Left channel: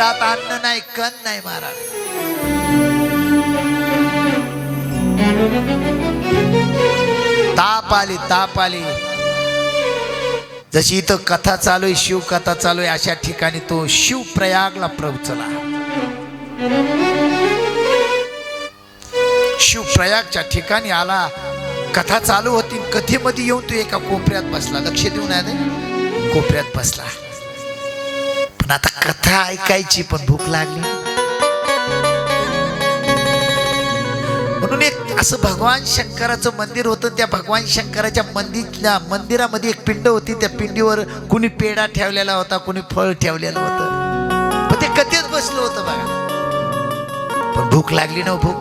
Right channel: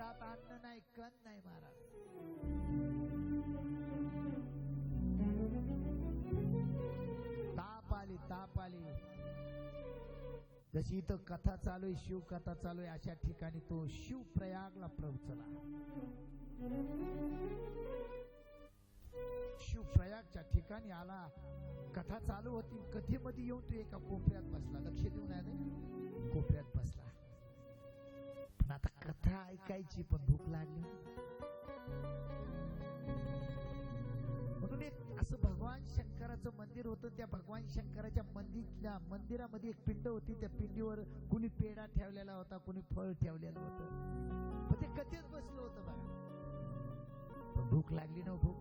पोटात अन्न नाही, कण नाही महाराज. ताप आली. जशी इथं कथा चालू आहे, शिव कथा चालू आहे, अशा ठिकाणी तो शिव प्रयागला पोहोचला. शिव प्रयागच्या ठिकाणी आला, कथा चालू होती. कथेमध्ये येऊन तो एका कोपऱ्यात बसला. लक्ष देऊन आहे, कोपऱ्यात बसला. पण आता कथा ऐकायची, पण भूक लागली. म्हणून एक असं भगवान शंकराचं मंदिर होतं. त्या भगवान शंकराच्या मंदिरामध्ये एक पिंड होती. त्या पिंडीवर कुणी पेढा ठेवलेला होता, कुणी फळ ठेवलेलं होतं. पण ते कथेत बसलं होतं बघा. पण भूक लागली ना. भूक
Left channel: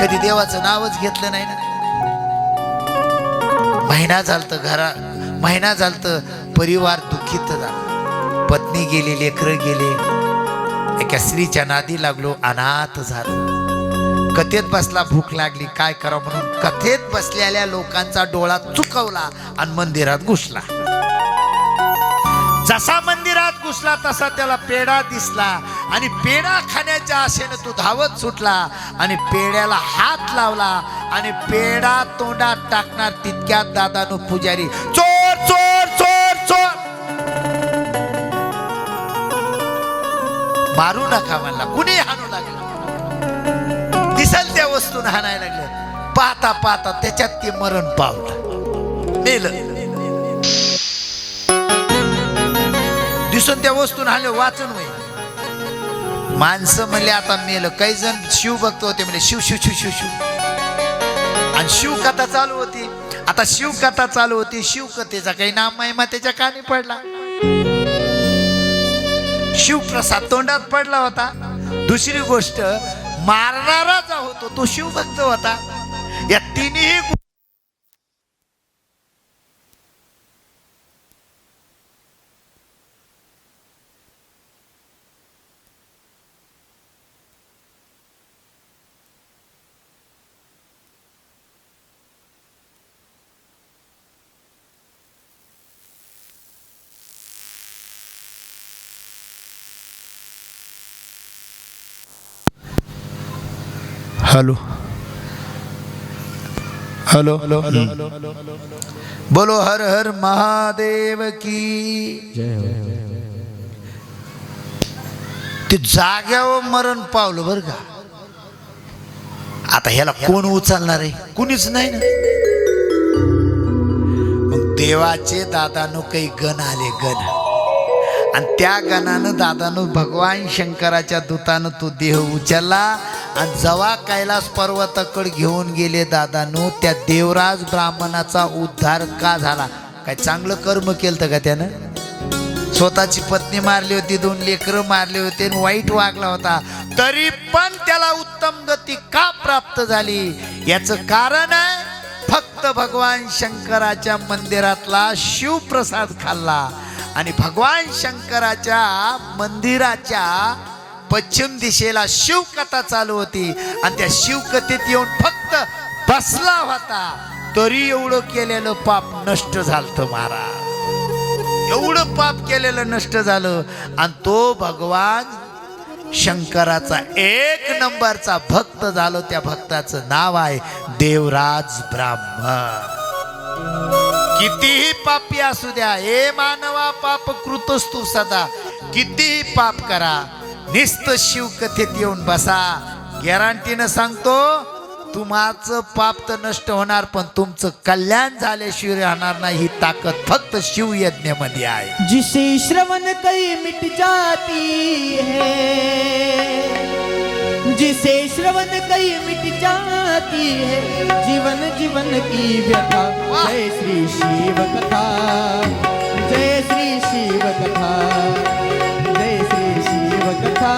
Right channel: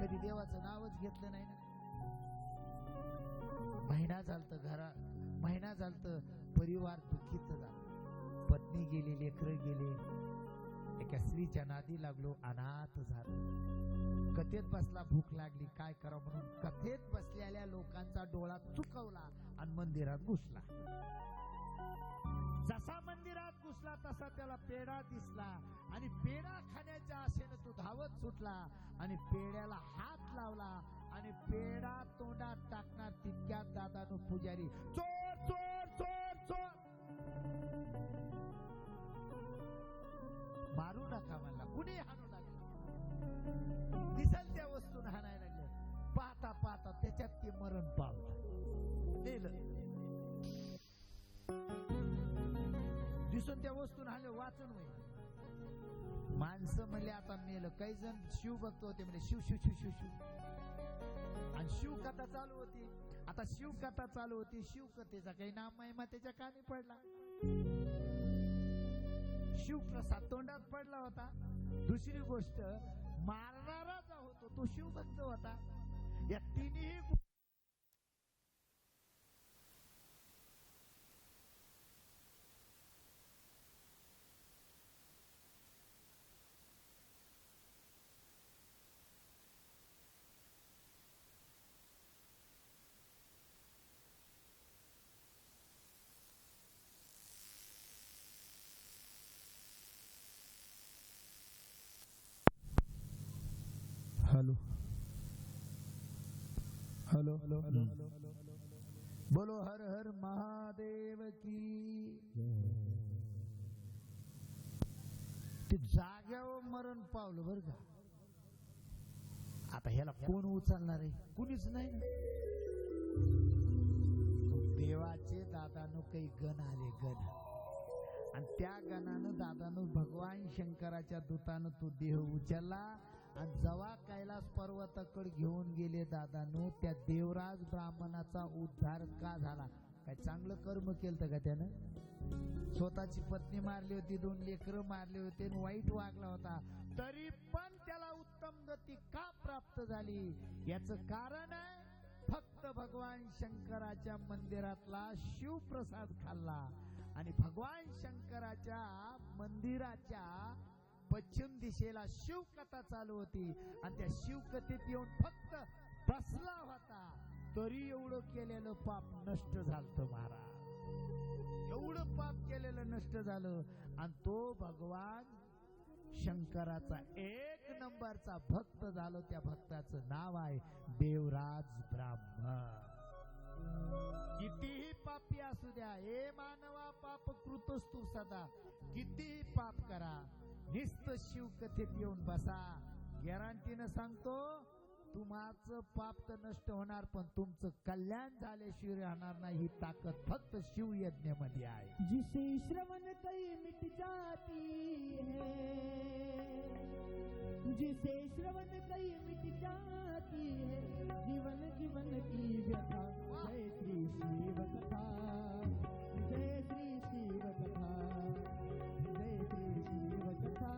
कधी देवाचं नावच घेतलं नाही ना. महिना झालत परिवार दुःखित झाला. पत्नी गेली, लेकरं गेले. एका स्त्रीच्या नादी लागलो, अनाथ झालो. कथेत बसला, भूक लागली, काय करावं म्हणून कथेत बसलेल्या लोकांचा डोळा चुकवला आणि मंदिरात घुसला. जसा मंदिरात घुसला तसा त्याला पेढा दिसला आणि पेढा खाण्याच्या आशेने तो धावत सुटला आणि पेढ्याला हात लावला आणि पेढा तोंडात टाकणार तितक्यात दादानो पुजारी चोर चोर चोर चोर मारू नका म्हणला. कुणी हाणू लागला. दिसल त्या वस्तून हाणायला लागले. पाहता पाहता त्याच्यात ते मरण पावलं, मेलं. दिसून त्या वस्तून हाणले, वाचून होईल. माणसं म्हणले आता मेलं. काही जण शिव भक्त होते, म्हणजे शिव शिव शिव शिव शिव. आणि शिवकथा चालू होती. आता शिवकथा चालू होती. शिवकथेचा काही नाम महिमा त्याच्या कानी पडला. शिवप्रसाद तोंडात पडला होता. दुसरी गोष्ट, मारणारा जो होतो तो शिवभक्त होता. या तिन्ही हेलो हेलो हेलो बोलो हर हर महादेव की ते जाग्यावर मरण पावलं बरं का. आता ह्याला कोण उचलणार आहे? कुणीच नाही ना. मग देवाचे दादानो काही गण आले, गण. आणि त्या गणानं दादानो भगवान शंकराच्या दूतानं तो देह उचलला आणि जेव्हा कैलास पर्वताकडे घेऊन गेले दादानो, त्या देवराज ब्राह्मणाचा उद्धार का झाला? काय चांगलं कर्म केलं का त्यानं? स्वतःची पत्नी मारली होती, 2 लेकरं मारले होते, वाईट वागला होता, तरी पण त्याला उत्तम गती का प्राप्त झाली? याचं कारण आहे फक्त भगवान शंकराच्या मंदिरातला शिवप्रसाद खाल्ला. आणि भगवान शंकराच्या मंदिराच्या पश्चिम दिशेला शिवकथा चालू होती आणि त्या शिवकथेत येऊन फक्त बसला होता, तरी एवढं केलेलं पाप नष्ट झालं महाराज. एवढं पाप केलेलं नष्ट झालं. आणि तो भगवान शंकराचा 1 नंबरचा भक्त झालो. त्या भक्ताचं नाव आहे देवराज ब्राह्मण. कितीही पापी असू द्या, हे मानवा पाप कृतस्तु सदा. कितीही पाप करा, निस्त शिवकथेत येऊन बसा. गॅरंटीनं सांगतो, तुमचं पाप तर नष्ट होणार, पण तुमचं कल्याण झाल्याशिवाय राहणार नाही. ही ताकद फक्त शिवयज्ञ मध्ये आहे. जिसे श्रवण कई मिट जाती है, जिसे श्रवण कई मिट जाती है, जीवन जीवन की व्यथा. जय श्री शिव कथा, जय श्री शिव कथा, जय श्री शिव कथा,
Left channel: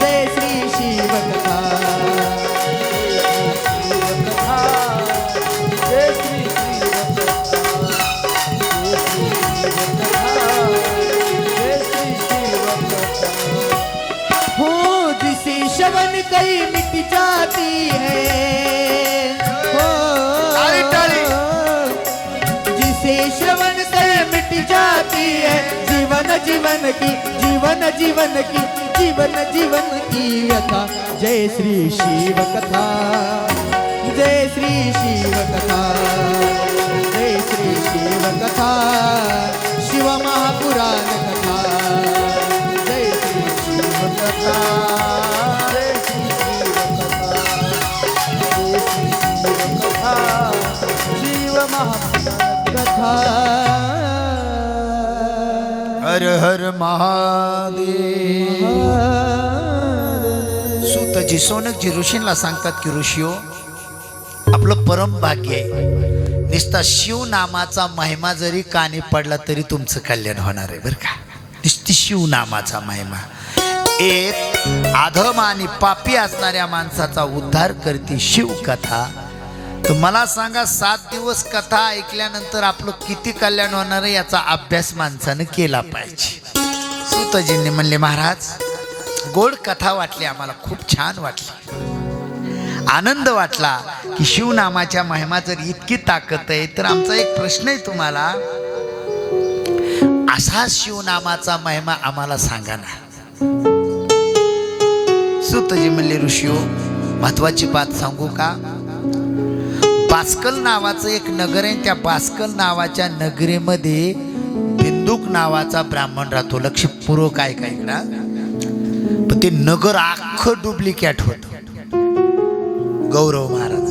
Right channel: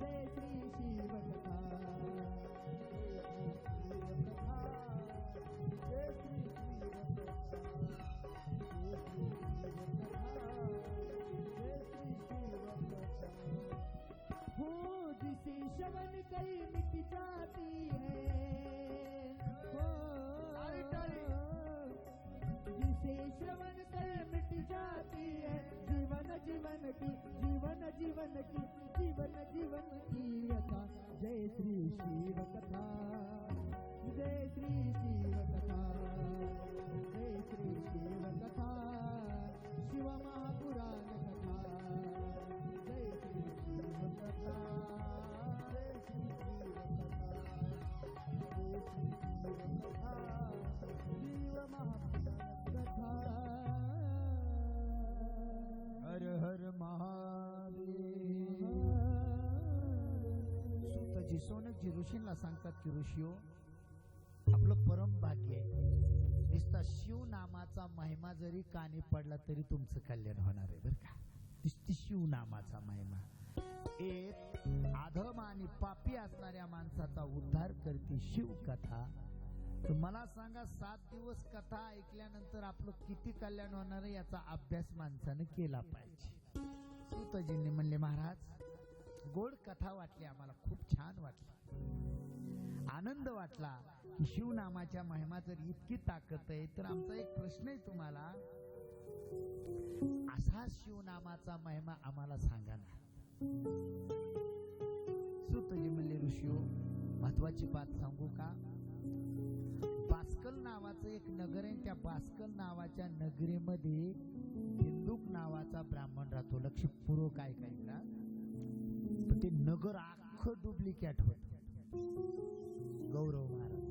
जय श्री शिव कथा, जय श्री शिव कथा. हो जिसे श्रवण कई मिट जाती है, हो जिसे श्रवण कई मिट जाती है, जीवन जीवन की जीवन जीवन की जीवन जीवन की व्यथा जय श्री शिव कथा जय श्री शिव कथा जय श्री शिव कथा शिव महापुराण कथा जय श्री शिव कथा जय श्री शिव कथा शिव महापुराण कथा हर हर महादेव. सूतजी सोनकजी ऋषींना सांगतात की ऋषीओ, आपलं परम भाग्य आहे, नुसता शिव नामाचा महिमा जरी कानी पडला तरी तुमचं कल्याण होणार आहे बरं का. नुसती शिव नामाचा महिमा एक अधम आणि पापी असणाऱ्या माणसाचा उद्धार करते शिव कथा. तर मला सांगा 7 दिवस कथा ऐकल्यानंतर आपलं किती कल्याण होणार आहे याचा अभ्यास माणसानं केला पाहिजे. सूतजींनी म्हणले महाराज गोड कथा वाटली आम्हाला, खूप छान वाटली, आनंद वाटला की शिवनामाच्या महिमा जर इतकी ताकद आहे तर आमचा एक प्रश्न आहे तुम्हाला, असा शिवनामाचा महिमा आम्हाला सांगा ना. सूतजी म्हणले ऋषीओ महत्वाची बात सांगू का. बास्कल नावाचं एक नगर आहे, त्या बास्कल नावाच्या नगरीमध्ये बिंदुक नावाचा ब्राह्मण राहतो. लक्षपूर्वक काय काय इकडा, पण ते नगर अख्खं डुप्लिकेट होत. गौरव महाराज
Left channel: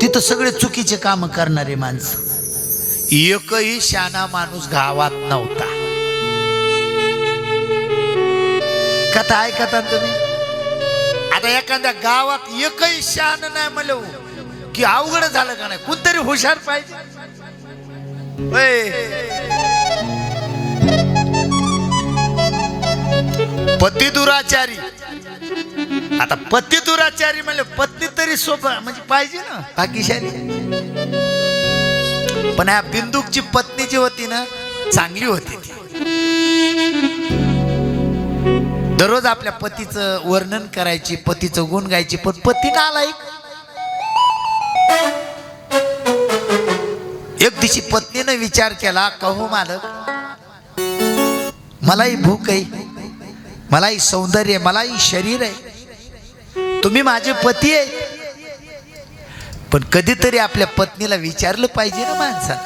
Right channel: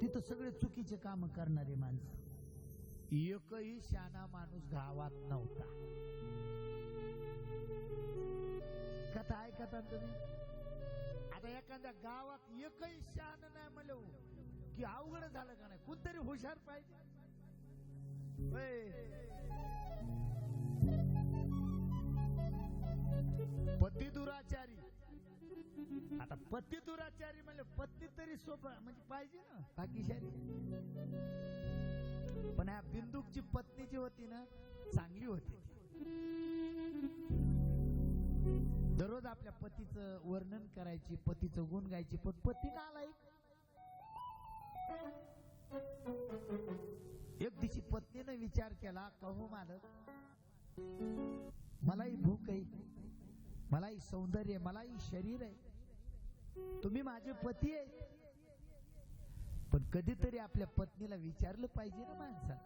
तिथं सगळे चुकीचे काम करणारे माणसं, एकही शाना माणूस गावात नव्हता. कथा ऐकता तुम्ही. आता एखाद्या गावात एकही शान नाही म्हणलं की अवघड झालं का नाही, कोणतरी हुशार पाहिजे. पती दुराचारी, आता पती दुराचारी म्हणले पत्नी तरी सोपं म्हणजे पाहिजे ना भाग्यशाली. पण या बिंदुकची पत्नी जी होती ना चांगली होती ती. दररोज आपल्या पतीचं वर्णन करायची, पतीचं गुण गायची, पण पती नालायक. एक दिवशी पत्नीने विचार केला, कहो मालक मलाही भूक आहे, मलाही सौंदर्य आहे, मलाही शरीर आहे, तुम्ही माझे पती आहे, पण कधीतरी आपल्या पत्नीला विचारलं पाहिजे ना माणसानं,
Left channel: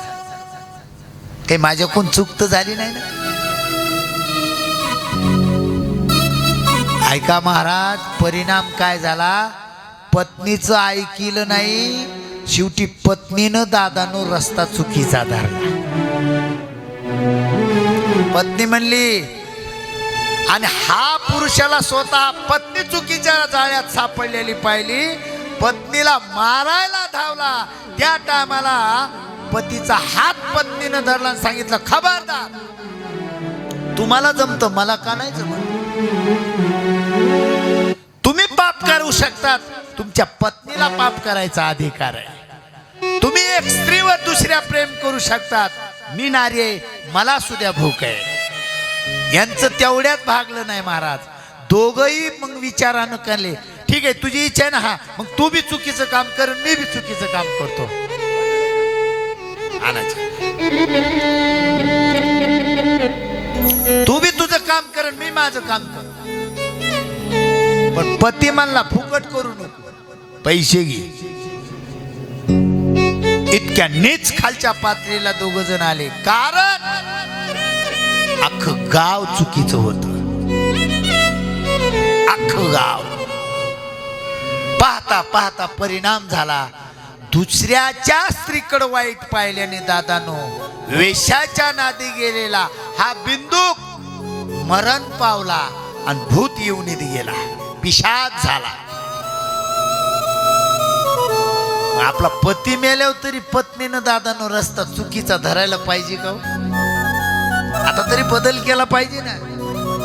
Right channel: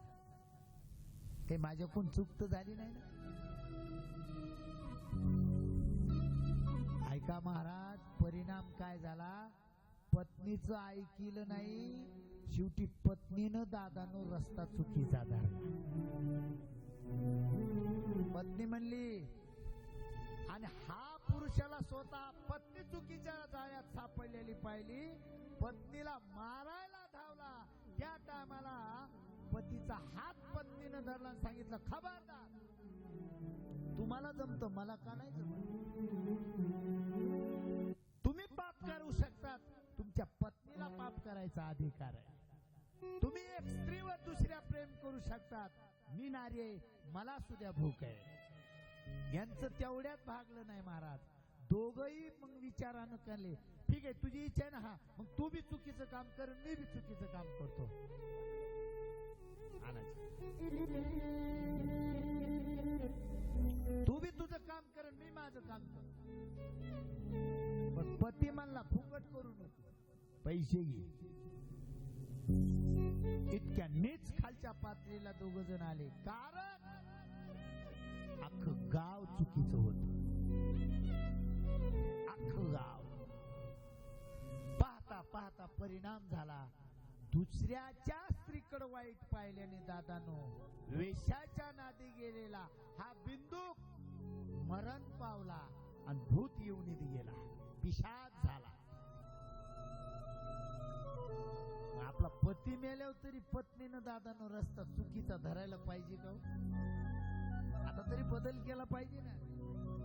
काही माझ्याकडून चूक तर झाली नाही ना. ऐका महाराज, परिणाम काय झाला, पत्नीचं ऐकिलं नाही, शेवटी पत्नीनं दादानो रस्ता चुकीचा धरला. पत्नी म्हणली, आणि हा पुरुषाला स्वतः पत्नी चुकीच्या जाळ्यात सापडलेली पाहिली, पत्नीला मारायला धावला. त्या टायमाला पतीचा हात पत्नीनं धरला आणि सांगितलं, खबरदार, तुम्हाला जमतं मला का नाही जमत. तुम्ही पाप करू शकतात, तुमच्या पत्नीला पाप करायचा अधिकार आहे. तुम्ही एक स्त्रीवर दुसऱ्या प्रेम करू शकतात, मी नारी आहे, मला सुद्धा भूक आहे. यांचं तेवढ्यात भागलं नाही महाराज. दोघही मग विचारानं केले, ठीक आहे तुझी इच्छा आहे ना, हा मग तू बी चुकीचं काम कर, मी बी चुकीचं काम करतो. तू बी तुझं काम कर, मी माझं काम कर. पण पती म्हणला फुकट करू नको, पैसे घे. इतक्या नीच खालच्या पातळीला दोघ जण आले, कारण अख्खं गाव चुकीचं होत. अख्खं गाव. पाहता पाहता परिणाम झाला. दुसऱ्याच्या स्त्रीकडे वाईट पाहिल्याने दादानो वेशाच्या नादी गेलेला हा बिंदुक मरण पावला आणि भूत येऊन गेला, पिशाच झाला. आपला पती मेल्यावर तरी पत्नीनं दादानो रस्ता चुकीचा धरायला पाहिजे का. आता तरी बदल केला पाहिजे ना.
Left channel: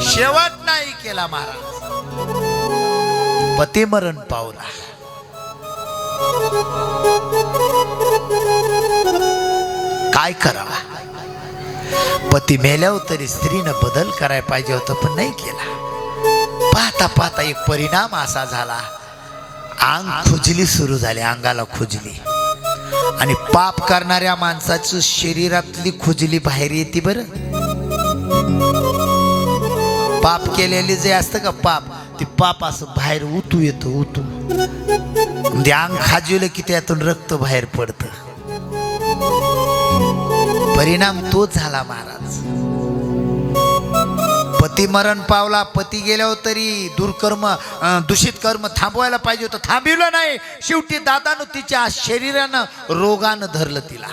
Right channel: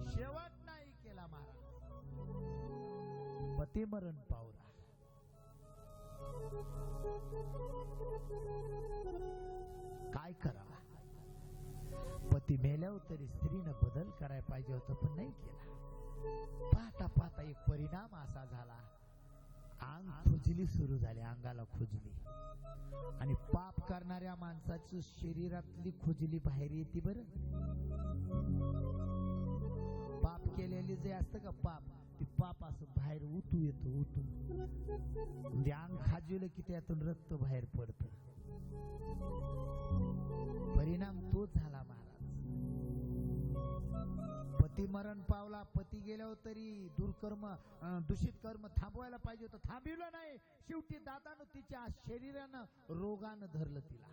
शेवट नाही केला महाराज, पती मरण पावला. काय करावा. पती मेल्यावर तरी स्त्रीनं बदल करायला पाहिजे होतं, पण नाही केला. पाहता पाहता एक परिणाम असा झाला, अंग खुजली सुरू झाली, अंगाला खुजली. आणि पाप करणाऱ्या माणसाचं शरीरातली खुजली बाहेर येते बरं. पाप केलेले जे असतं का पाप, ते पाप असं बाहेर उतू येतं उतू, म्हणजे अंग खाजवलं की त्यातून रक्त बाहेर पडतं. परिणाम तोच झाला महाराज. पती मरण पावला, पती गेल्यावर तरी दुर्कर्म दूषित कर्म थांबवायला पाहिजे होतं, थांबवलं नाही. शेवटी दादानं तिच्या शरीरानं रोगानं धरलं तिला.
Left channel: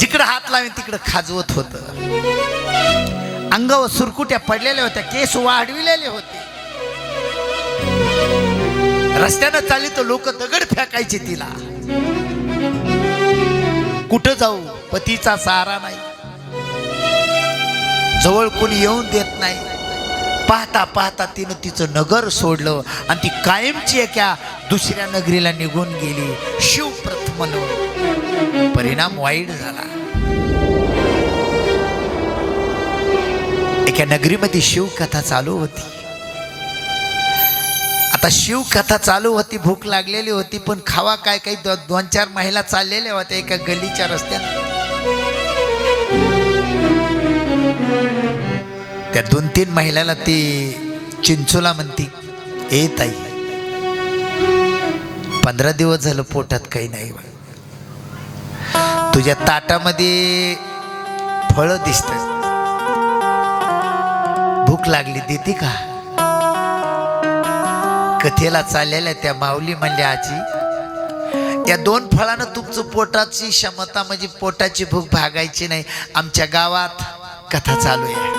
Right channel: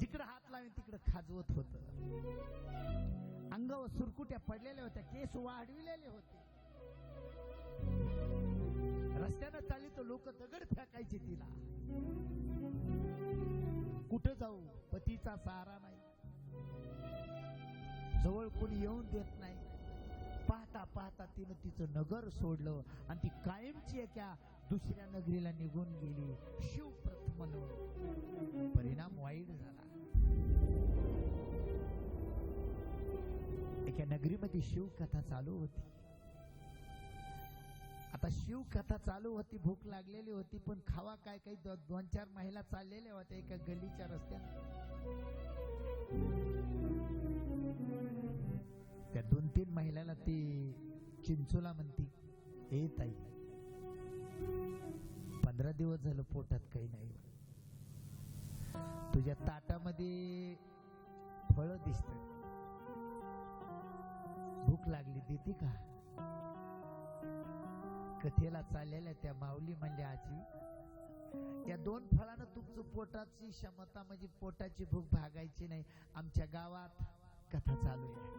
जिकडं हात लावेन तिकडं खाजवत होत. अंगावर सुरकुट्या पडलेल्या होत्या, केस वाढविलेले होते. रस्त्यानं चालली तर लोक दगड फेकायचे तिला. कुठं जाऊ, पतीचा सहारा नाही, जवळ कोणी येऊन देत नाही. पाहता पाहता तिनं तिचं नगर सोडलं आणि ती कायमची एका दुसऱ्या नगरीला निघून गेली. शिव प्रथमलो. परिणाम वाईट झाला. एका नगरीमध्ये शिवकथा चालू होती. आता शिवकथा चालू होती, भूक लागलेली होती, पण खावा काय, काही 2-4 महिला चाललेल्या होत्या एका गल्लीच्या रस्त्यात. त्या 2-3 महिलाला ती चिंचोला म्हणती, ए ताई, 15 दिवस झालं पोटात काही नाही, तुझ्या ताटामध्ये फळं दिसतात, भूक लागली, देते का? कथेला चाललेल्या त्या माऊली म्हणल्या, आजी, या 2 फळानं तुमचं पोटाची क्षमता, म्हणजे पोटाची भूक भागायची नाही. आमच्या गावात कथा चालू आहे,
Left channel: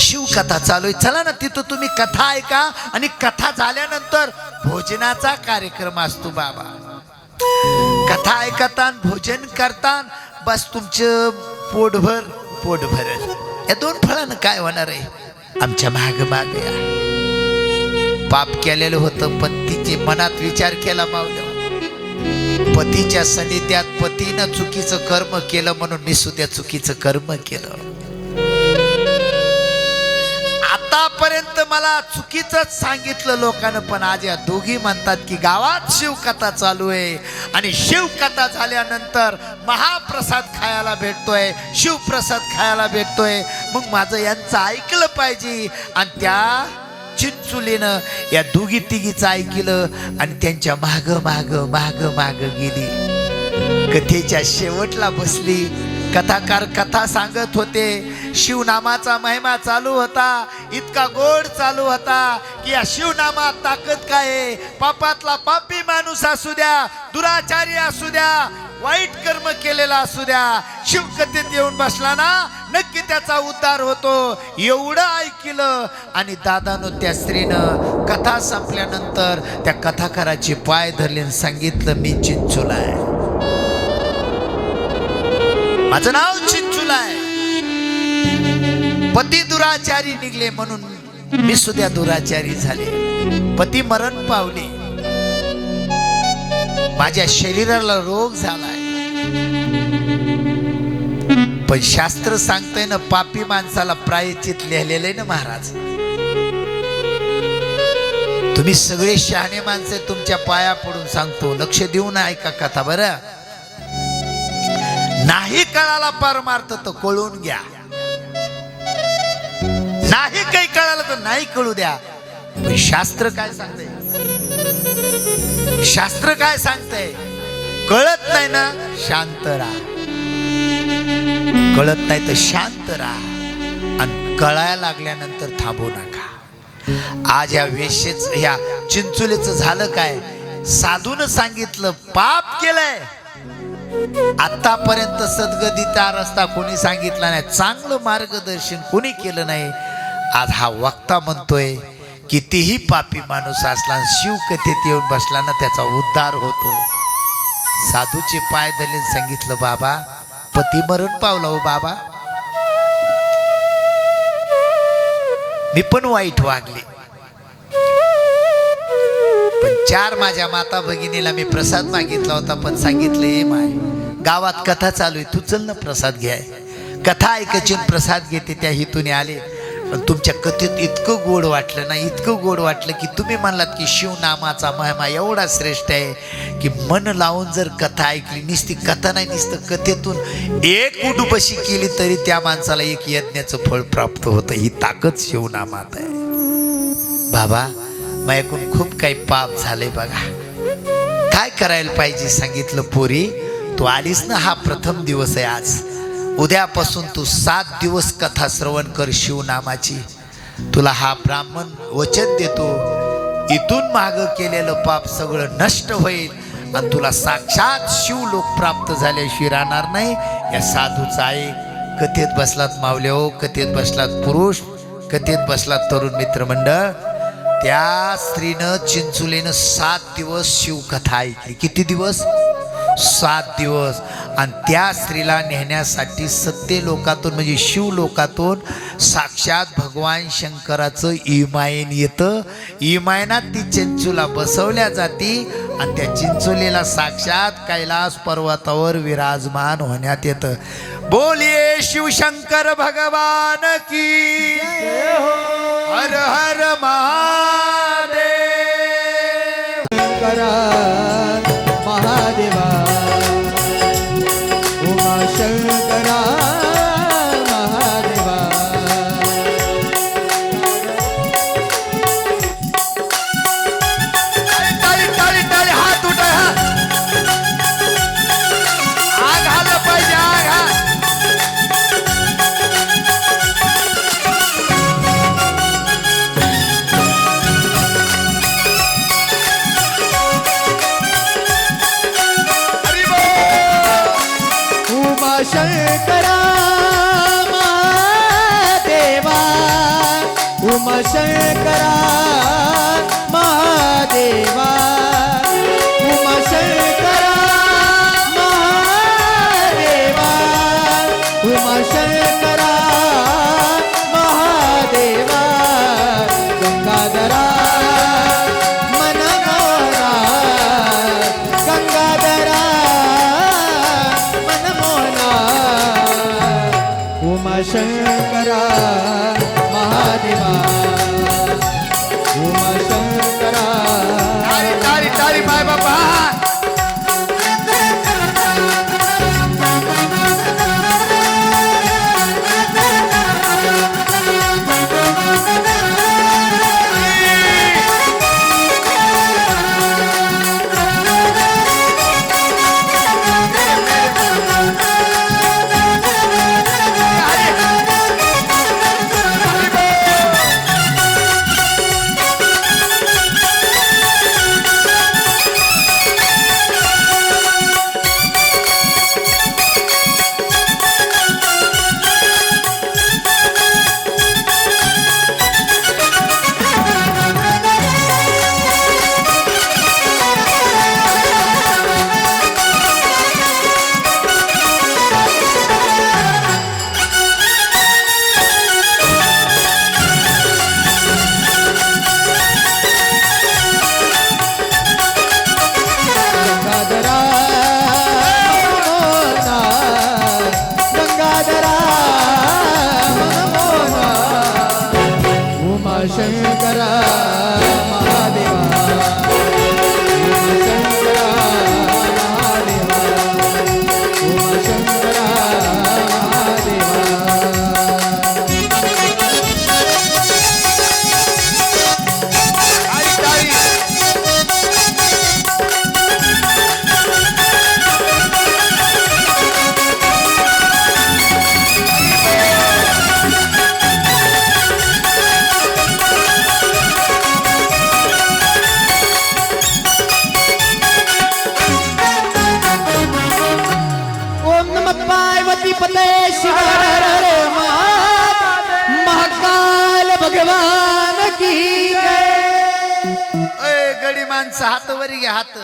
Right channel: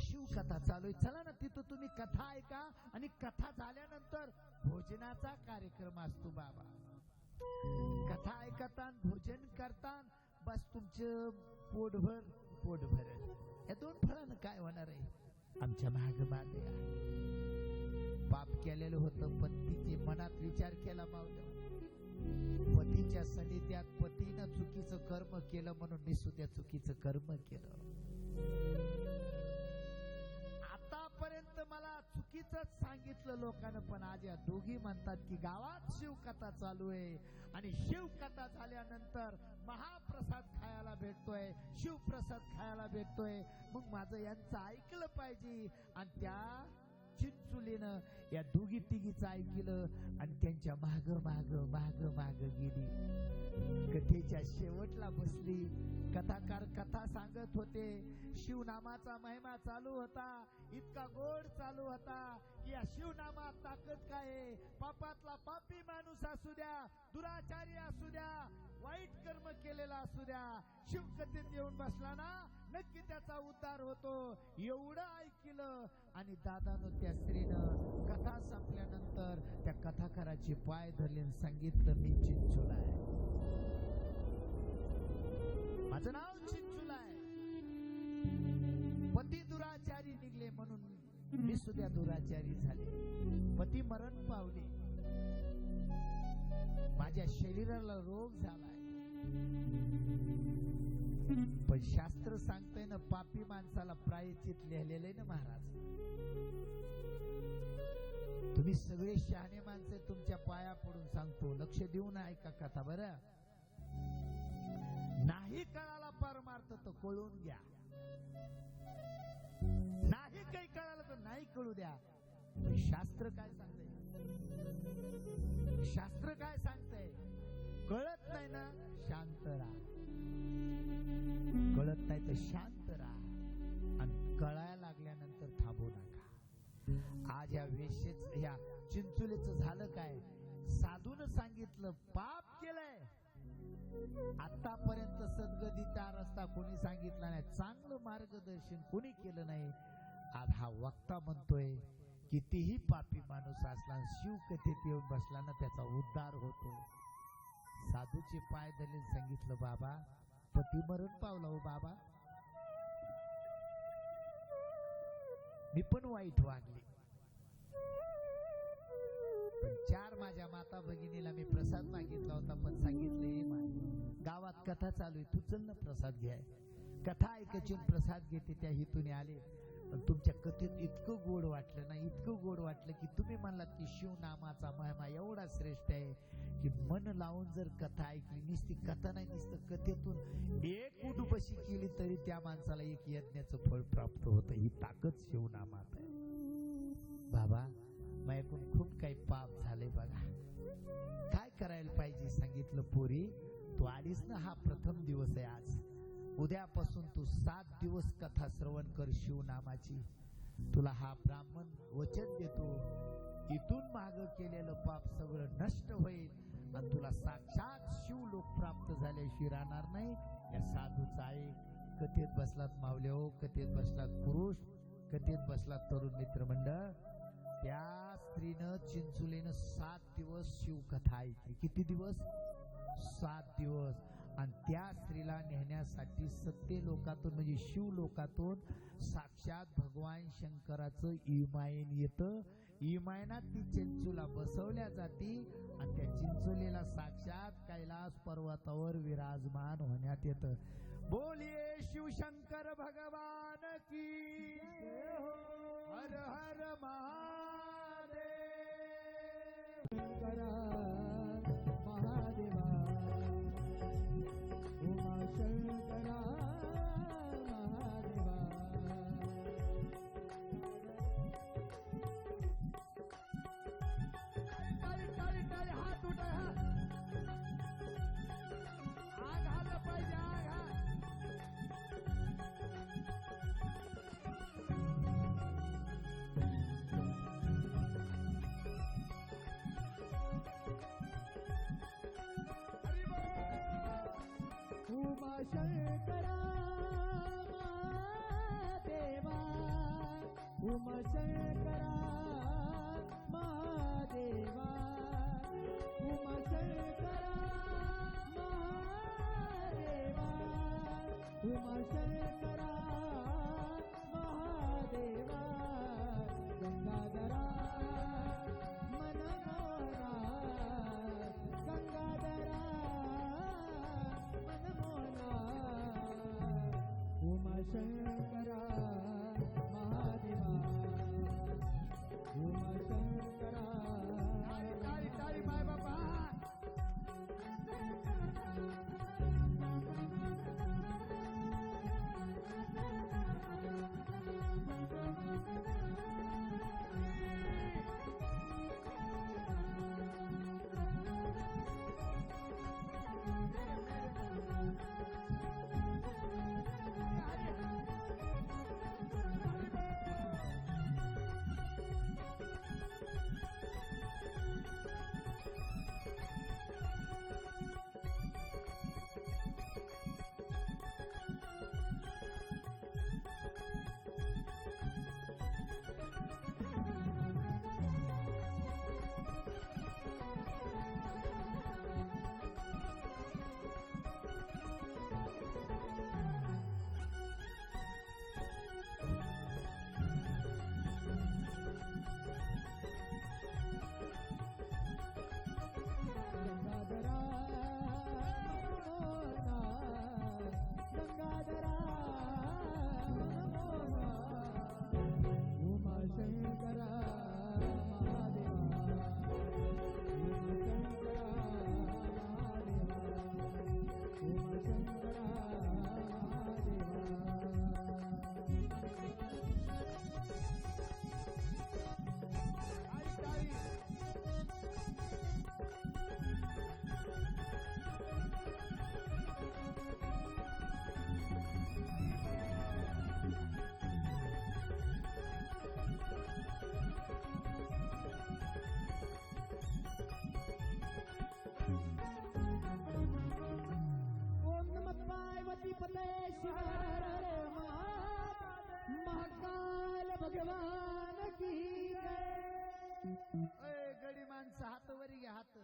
शिवकथा चालू आहे, चला ना तिथं तुम्ही कथा ऐका. आणि कथा झाल्यानंतर भोजनाचा कार्यक्रम असतो बाबा. कथा ऐकता भोजन करता, बस तुमचं पोट भरल. या 2 फळानं काय होणार आहे? आमच्या माग माग या. पाप केलेलं होतं, पण तिचे मनात विचार केला मावल्या, पतीच्या सानिध्यात पतीनं चुकीचं कर्म केलं म्हणून मी सुद्धा चुकीचं कर्म केलं. आतापर्यंत मला चुकीचंच सांगितलं लोकांना, पण आज या दोघी म्हणतात की गावात शिवकथा चालू आहे आणि शिवकथा झाल्यानंतर महाप्रसाद खायला भेटतोय, शिवप्रसाद खायला भेटतोय. मग माझं यांचं ऐकलं पाहिजे. आणि त्या चिंचुलीनं या दोघी तिघीचं ऐकलं आणि त्यांच्या माग माग माग माग गेली. कथेच्या शेवटला बसली. कथाकार कथा सांगत होते. शिवनामाचा महिमा चालू होता, इतका गोड चालू होता की या शिवनामात ताकद काय आहे. पापातला पापी माणूस असू द्या, दुराचारी असू द्या, वाईट कर्म केलेला असू द्या, शिवकथेत येऊन बसला ना नक्की त्याचा उद्धार होतो. एवढं ऐकलं. आणि दादानं त्या स्त्रीनं कथा संपल्यानंतर त्या कथाकाराची पाय धरले आणि सांगितलं, मी चिंचुला आहे, माझं नाव चिंचुला आहे. पती दुराचारी निघले म्हणून मी सुद्धा दुराचारी झाले. पती मरण पावले, माझ्या शरीराला रोग झालाय. पण शास्त्र सांगतंय ना, पापी माणसाला प्रायश्चित लिहिलेलं आहे ना महाराज. तुम्ही सगळे शहाणे माणसे, तुमच्या पाया पडून सांगतो, लक्ष देऊन ऐका कथा बरं. नाही कळाला परमार्थ तर कळून घ्या, नाही काही कळालं तर नाही कळू द्या. पण शास्त्र काय सांगतंय, शास्त्र काय सांगतंय, कळत नाही ना शांत राहा, कळत नाही तर शांत राहा. आणि कळायला लागल्यानंतर थांबू नका. आज या वेशेच ह्या चिंचुलीचं झालं काय, साधून सांगितलं पाप केलंय. आतापर्यंत सद्गतीचा रस्ता कोणी सांगितला नाही, चांगलं मार्गदर्शन कोणी केलं नाही. आज हा वक्ता म्हणतोय, कितीही पापी माणूस असला शिवकथेत येऊन बसला ना त्याचा उद्धार होतो. साधूचे पाय धरले, सांगितलं, बाबा पती मरण पावला हो बाबा, मी पण वाईट वागले, पण 4 माझ्या माता भगिनीला मी प्रसाद मागितला होता, पण सांगितले माय गावात कथा चालू आहे, तू चल ना प्रसाद घ्याय. कथा ऐकायची प्रसाद घेते, त्या हेतूने आले. पण तुमच्या कथेत इतकं गोड वाटलं ना, इतकं गोड वाटलं की तुम्ही म्हणलात की शिवनामाचा महिमा एवढा श्रेष्ठ आहे की मन लावून जर कथा ऐकली, नुसती कथा नाही, नुसतं कथेतून एक उडुपशी केली तरी त्या माणसाला एक यज्ञाचं फळ प्राप्त होतं. ही ताकद शिवनामात आहे. बाबा, माझ्याकडून खूप काही पाप झाले बघा. काय करायला पाहिजे सांगितलं. पोरी, तू आलीस ना, हा प्रथम दिवस आहे आज. उद्यापासून तू 7 दिवस कथा श्रवण कर शिवनामाची. तुला हा ब्राह्मण वचन देतो, इथून माग केलेलं पाप सगळं नष्ट होईल आणि तुला साक्षात शिवलोक प्राप्त झाल्याशिवाय राहणार नाही. या साधूचा आहे. कथेत बसलात मावले हो, कथेत बसलात पुरुष, कथेत बसलात तरुण मित्रमंडळ. त्या स्त्रीनं चिंचुलीनं 7 दिवस शिवकथा ऐकली. किती दिवस? 7 दिवस. आणि त्या स्त्रीला नेण्यासाठी सत्य लोकातून म्हणजे शिवलोकातून साक्षात भगवान शंकराचं इमायन येतं. इमायनात ती चिंचुला बसवल्या जाती आणि त्या चिंचुलीला साक्षात कैलास पर्वतावर विराजमान होण्यात येतं. बोलिये शिवशंकर भगवान की. हर हर महादेव. शंकरा महादेवा, उमा शंकरा महादेवा. टाळी टाळी टाळी, हात उठा. आग आलं पाहिजे, आग हा. उमा शंकरा महादेवा, उमा शंकरा महादेवा, उमा शंकरा महादेवा, उमा शंकरा महादेवा. गंगाधरा मनमोहना, गंगाधरा मनमोहना. उमा शंकरा महादेवा, उमा शंकरा. टाळी टाळी टाळी, माय बाबा. गंगाधरा मनमोहना, गंगाधरा मनमोहना. उमा शंकरा महादेवा, उमा शंकरा महादेवा, उमा शंकरा महादेवा. टाळी टाळी. ओम नमः पार्वती पते शिव हर हर महाकाल भगवान की जय. ए गडी माणसं, हात वरी घ्या, हात.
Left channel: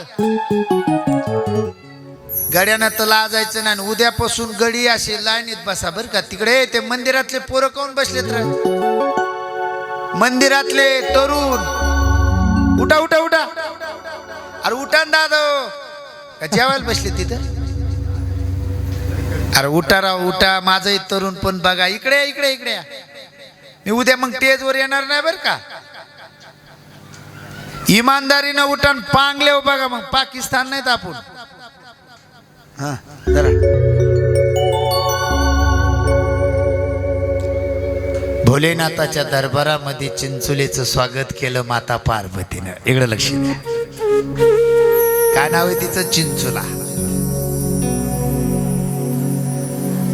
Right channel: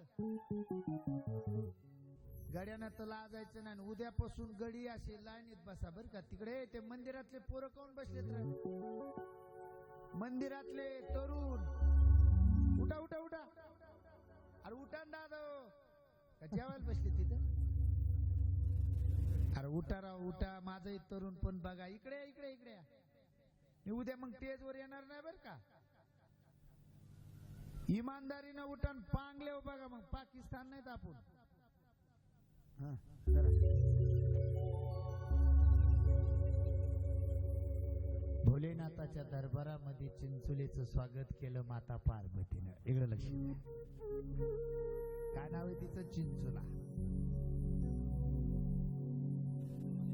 गड्यानं तर लाजायचं नाही. उद्यापासून गडी असे लाईनीत बसा बर का. तिकडे ते मंदिरातले पोरं काऊन बसलेत रे? मंदिरातले तरुण उठा उठा उठा. अरे उठा ना दादा, का जेवायला बसले तिथं? अरे उठा राव, उठा. माझंही तरुण पण बघा. इकडे इकडे इकडे या. मी उद्या मग टेजवर येणार नाही बरं का. इमानदारीनं उठान पांगले बघा मग पाकिस्तान नाहीत आपण. हा जरा भोलेनाथाच्या दरबारामध्ये चिंचोलीचं स्वागत केलं माता पार्वतीनं. इकडं लक्ष द्या. काय नाव आहे तिचं? चिंचोला.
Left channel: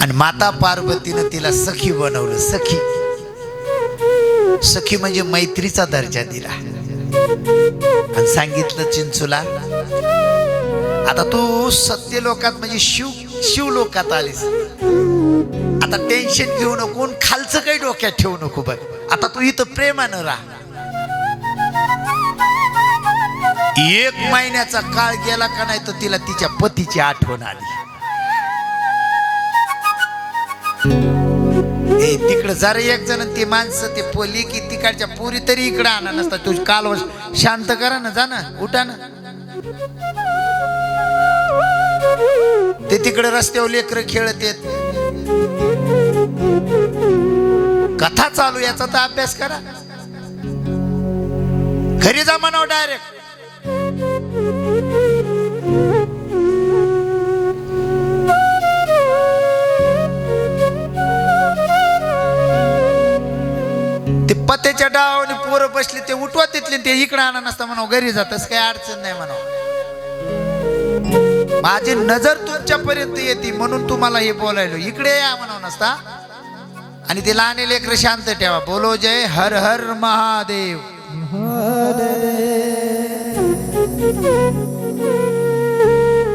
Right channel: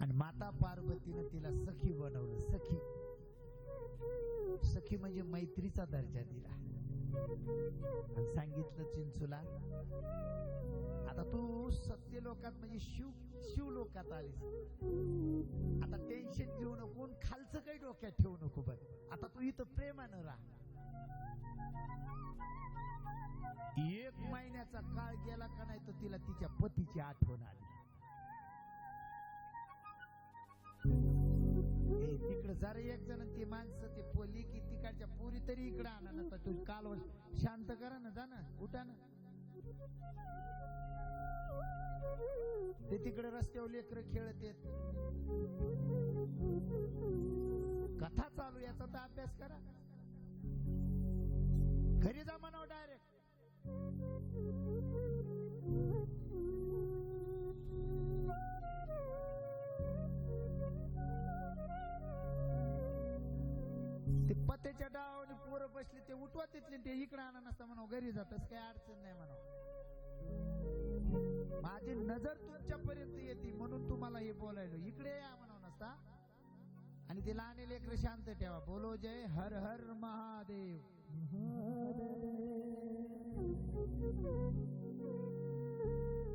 आणि माता पार्वतीनं तिला सखी बनवलं. सखी सखी म्हणजे मैत्रीचा दर्जा दिला आणि सांगितलं चिंचोला आता तू सत्य लोकात म्हणजे शिव लोकात आलीस. आता टेन्शन घेऊ नको, खालचं काही डोक्यात ठेवू नको. बघ आता तू इथं प्रेमानं राहा. 1 महिन्याचा काळ गेला का नाही तर तिला तिच्या पतीची आठवण आली. तिकडं जरा एक जण ते माणसं ते पोली की तिकडच्या पुरी तरी इकडं आणा नसता. तू काल शांत करा ना, जा ना, उठा ना. ते तिकडे रस्त्यावर लेकरं खेळत येत. कथा चालू याचा तर अभ्यास करा. घरी जा म्हणाव डायरेक्ट. ते पत्याच्या डावाने पोरं बसले ते उठवा तिथले ते इकडे आणा नसता म्हणाव. घरी जातस काही अडचण नाही म्हणाव. माझी नजर तुमच्यापर्यंत येते म्हणून तुम्हाला हे बोलायलो. इकडे या म्हणाव नसता. आणि ते लहान लेकर शांत ठेवा. बोलो जय हर हर महादेव.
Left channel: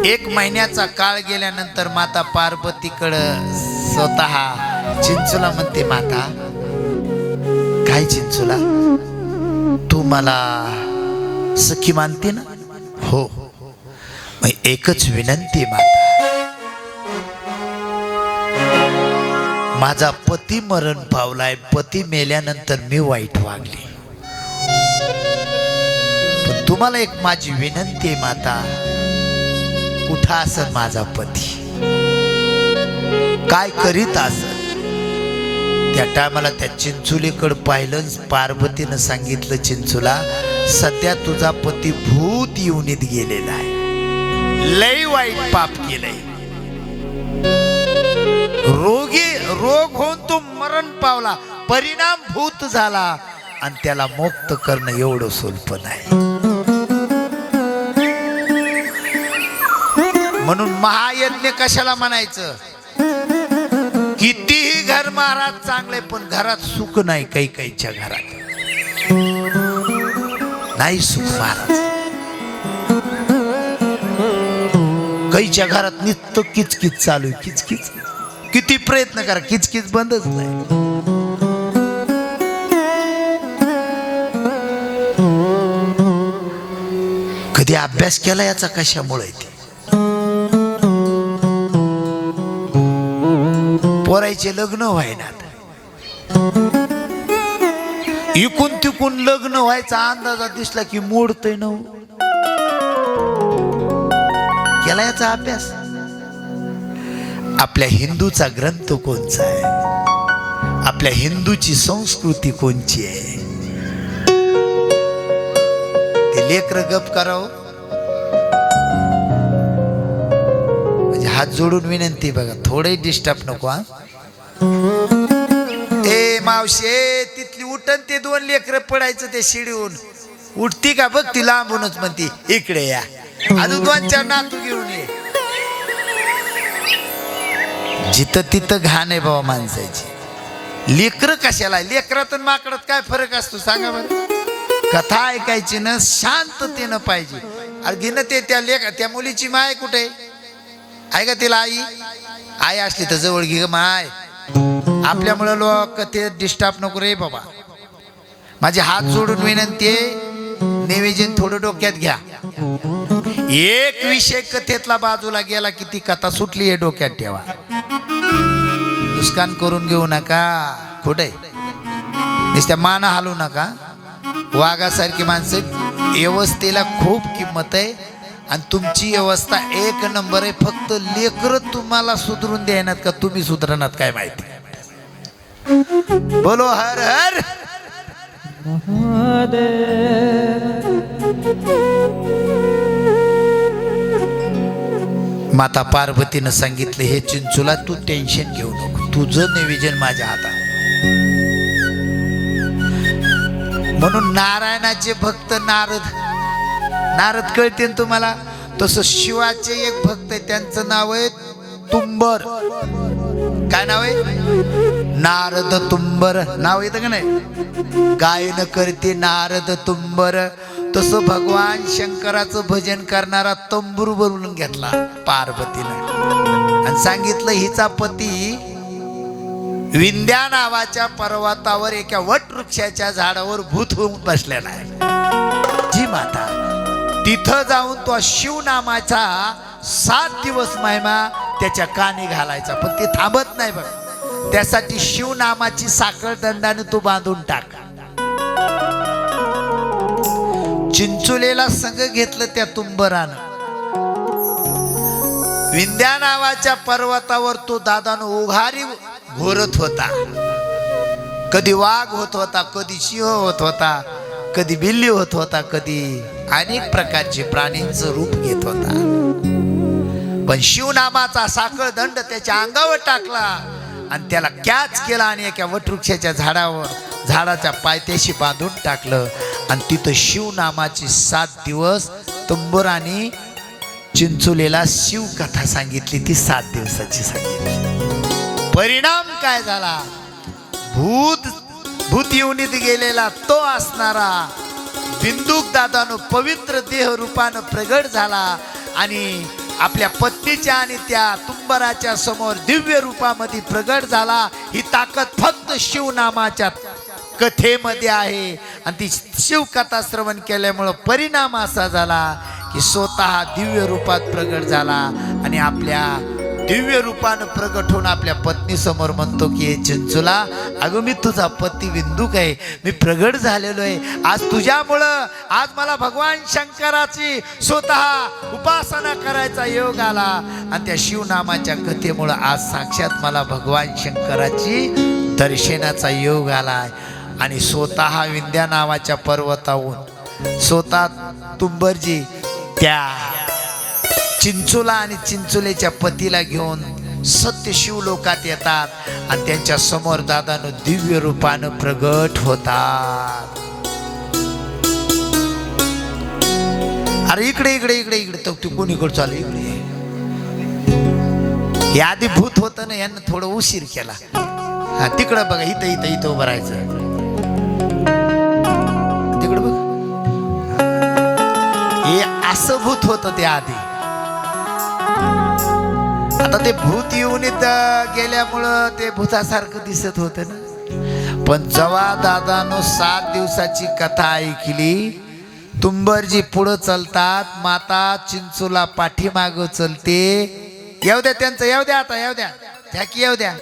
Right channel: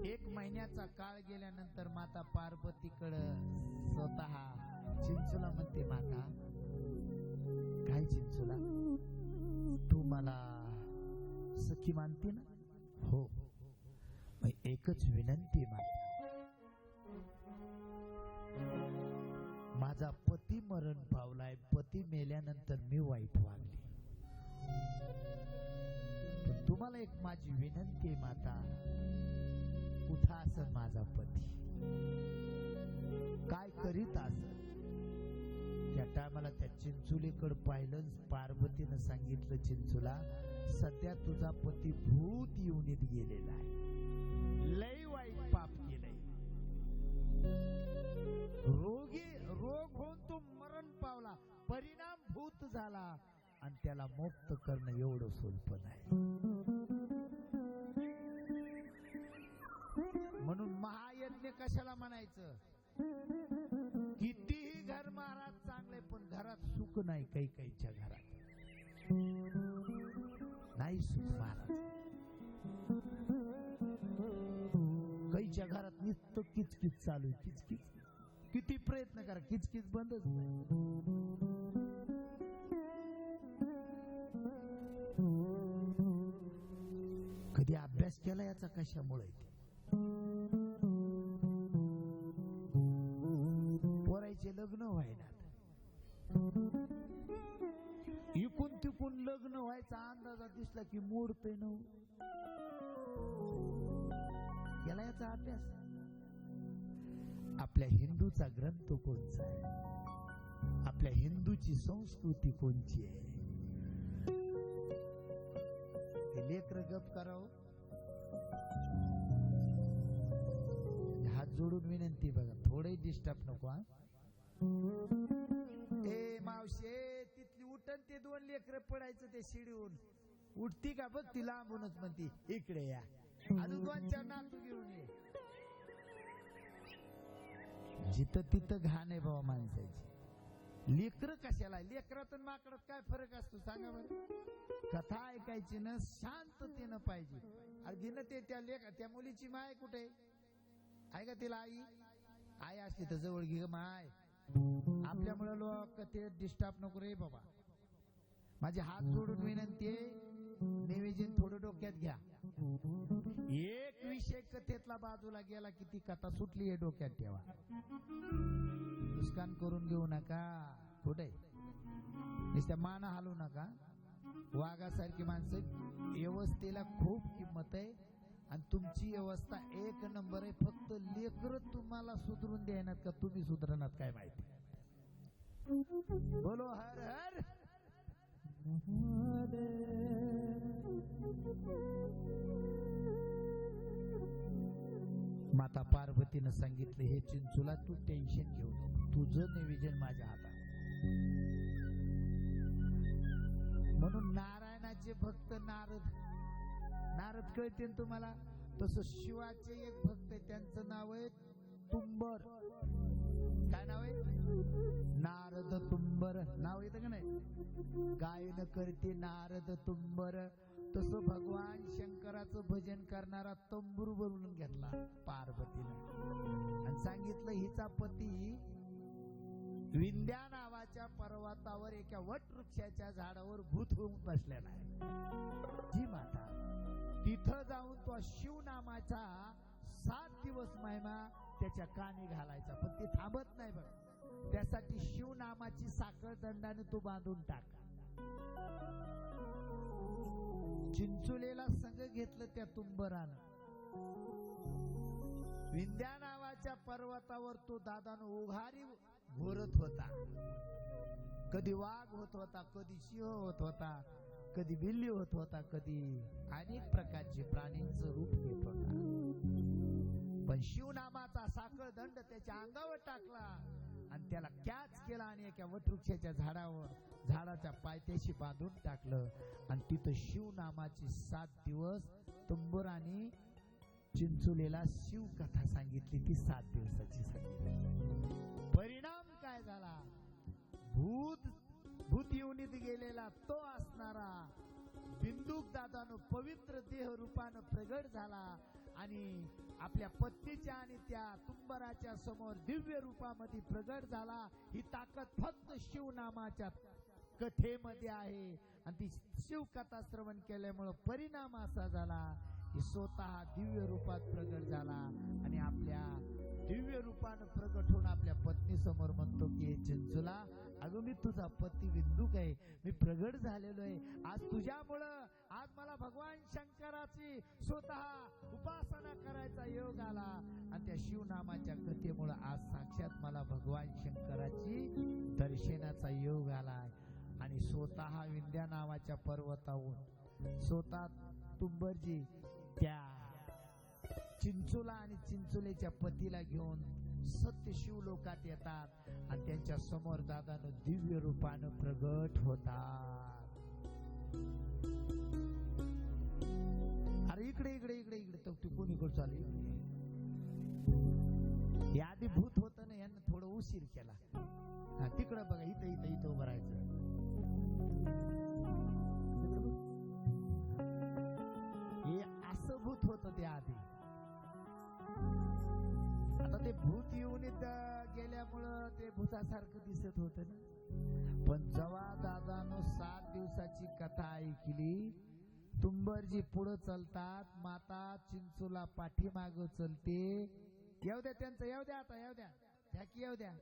1 महिन्याचा काळ गेल्यानंतर माता पार्वतीकडं स्वतः चिंचोला म्हणते, माता काय चिंचोला तू मला सखी मानते ना? हो. मग एकच विनंती माता, माझा पती मरण पावलाय. पती मेल्यानंतर मी वाईट वागले. पण तुम्हाला एक माझी विनंती आहे माता, कुठं असेल माझा पती, काय करीत असेल? त्या टायमाला त्या चिंचोलीकडे पाहिलं. पार्वतीनं सांगितलं, चिंचोला सध्या तुझा पती भूत योनीत गेलेला आहे. लय वाईट पाप केलंय. रोग होऊन तो मरण पावला. परिणाम भूत झाला आणि त्याला मुक्त करणं एवढं सोपं नाही. म्हणून महायज्ञ कशाला म्हणायचं? कितीही घर महाराज चांगले पण घरात सुख नाही. काही काहीच्या घरात नाही सुख महाराज. काहीच्या घरात नित्य किचकिच चालू आहे. किचकिच किती प्रयत्न करा, किचकिच बंदच नाही. कधी अभ्यास केला याचा कशामुळे? ते पोरायचे लग्न व्हायनात. इकून तिकून लग्न व्हायचा अंदाजा दिसला की मोडतय न. केला याचा अभ्यास? आपल्या हिंदूचा ग्रंथ कोणचा आहे? आपल्या हिंदूची संस्कृती कोणची आहे? ते लेकर गप करावं. म्हणजे हात जोडून विनंती बघा, थोडे डिस्टर्ब नको. हा ए मावशे, तिथली उठन ते 2 लेकर पडायचं ते शिडीहून. उठती का बघ ती लांबूनच म्हणती, इकडे या. अजून 2-4 नातू घेऊन ये. जिथं तिथं घाण आहे बाबा माणसाची. लेकर कशाला? लेकरात आणि माकडात काय फरक असतो सांगा बरं? कथा ऐकायची ना, शांततेनं पाहिजे. अरे घेणं ते त्या मुलीची माय कुठे आहे का? तिला आई असली तर जवळ घे ग माय. आपल्यामुळे लोक ते डिस्टर्ब नको रे बाबा. माझे हात जोडून विनंती आहे, निवेदन थोडं डोक्यात घ्या. एक विषय कथेतला बाजूला गेला की ती कथा सुटली हे डोक्यात ठेवा. नुकसान करून घेऊ नका. कुठे नुसत्या माना हालू नका. वाघासारखी माणसं. व्यवस्थेला खूप किंमत आहे आणि तुमची व्यवस्था 1 नंबर आहे. फक्त लेकर तुम्हाला सुधरून द्यायनात का तुम्ही सुधरणार काय माहिती. बोलो हर हर माता पार्वतीनं सांगितले, हे चिंचुला तू टेन्शन घेऊ नको, तुझं नियोजन माझ्या हातात. म्हणून नारायणाचे भक्त नारद कळते ना तुम्हाला. तसं शिवाचे एक भक्त आहे, त्यांचं नाव आहे तुंबर. काय नाव आहे? नारद तुंबर नाव येतं का नाही? गायन करते नारद तुंबर. तसं भगवान शंकराचं भजन करणारा तंबूर बोलून घेतला पार्वतीनं आणि सांगितलं, हिचा पती विंध्या नावाच्या पर्वतावर एका वटवृक्षाच्या झाडावर भूत होऊन बसलेला आहे. जी माता तिथं जाऊन तो शिव नामाचा 7 दिवस महिमा त्याच्या कानी घालायचा, पण ते थांबत नाही बघ. त्यासाठी शिव नामाची साखळ दंडाने तो बांधून टाक. चिंचुलेला संग घेतलं त्या तुंबरानं. विंध्या नावाच्या पर्वतावर तो दादानं उघारी घोरत होता. कधी वाघ होत होता, कधी सिंह होत होता, कधी बिल्ली होत होता, कधी अनेक प्रकारचे प्राणींचं रूप घेत होता. पण शिवनामाचा साखळ दंड त्याच्या अंगावर टाकला आणि त्याला कॅच केला आणि एका वटवृक्षाच्या झाडाच्या पायथ्याशी बांधून टाकलं. आणि तिथं शिवनामाची 7 दिवस तुंबुराने चिंचुलेला शिवकथा सांगितली. ती 7 दिवसाची सांगितली. परिणाम काय झाला? भूत योनीत गेलेला तो असणारा बिंदुक दादानो पवित्र देह रूपानं प्रगट झाला आणि आपल्या पत्नीच्या आणि त्या तुंबराच्या समोर दिव्य रूपामध्ये प्रगट झाला. ही ताकद फक्त शिवनामाच्या कथेमध्ये आहे. आणि ती शिवकथा श्रवण केल्यामुळं परिणाम असा झाला की स्वतः दिव्य रूपात प्रगट झाला आणि आपल्या दिव्य रूपानं प्रगट होऊन आपल्या पत्नी समोर म्हणतो की, हे चिंचुला, अगं मी तुझा पती बिंदुक आहे, मी प्रगट झालेलो आहे. आज तुझ्यामुळं आज मला भगवान शंकराची स्वतः उपासना करायचा योग आला आणि त्या शिवनामाच्या कथेमुळं आज साक्षात मला भगवान शंकराची दर्शनाचा योग आला. आणि स्वतः विंध्या नावाच्या पर्वताहून स्वतः तुंबरजी त्या चिंचुला आणि चिंचुलेच्या पतीला घेऊन सत्य शिवलोकात येतात आणि त्यांच्या समोर दादानं दिव्य रूपानं प्रगट होतात. अरे इकडे इकडे इकडे इकडे तर तू कोणीकडे चालू इकडे. हे आधी भूत होतं ना, यांना थोडं उशीर केला. हा तिकडं बघा, इथं इथं इथं उभं राहायचं. तिकडं बघ, हे असं भूत होतं ते आधी. आता ते भूत येऊन गेल्यामुळं ते भूतासारखं दिसत होतं ना. पण जेव्हा दादानो 7 दिवसाची कथा ऐकली, तुंबरजी पुढं चलतात, माता चिंचुला पाठीमागं चलते. येऊ द्या त्यांचं, येऊ द्या आता, येऊ द्या त्या की येऊ द्या.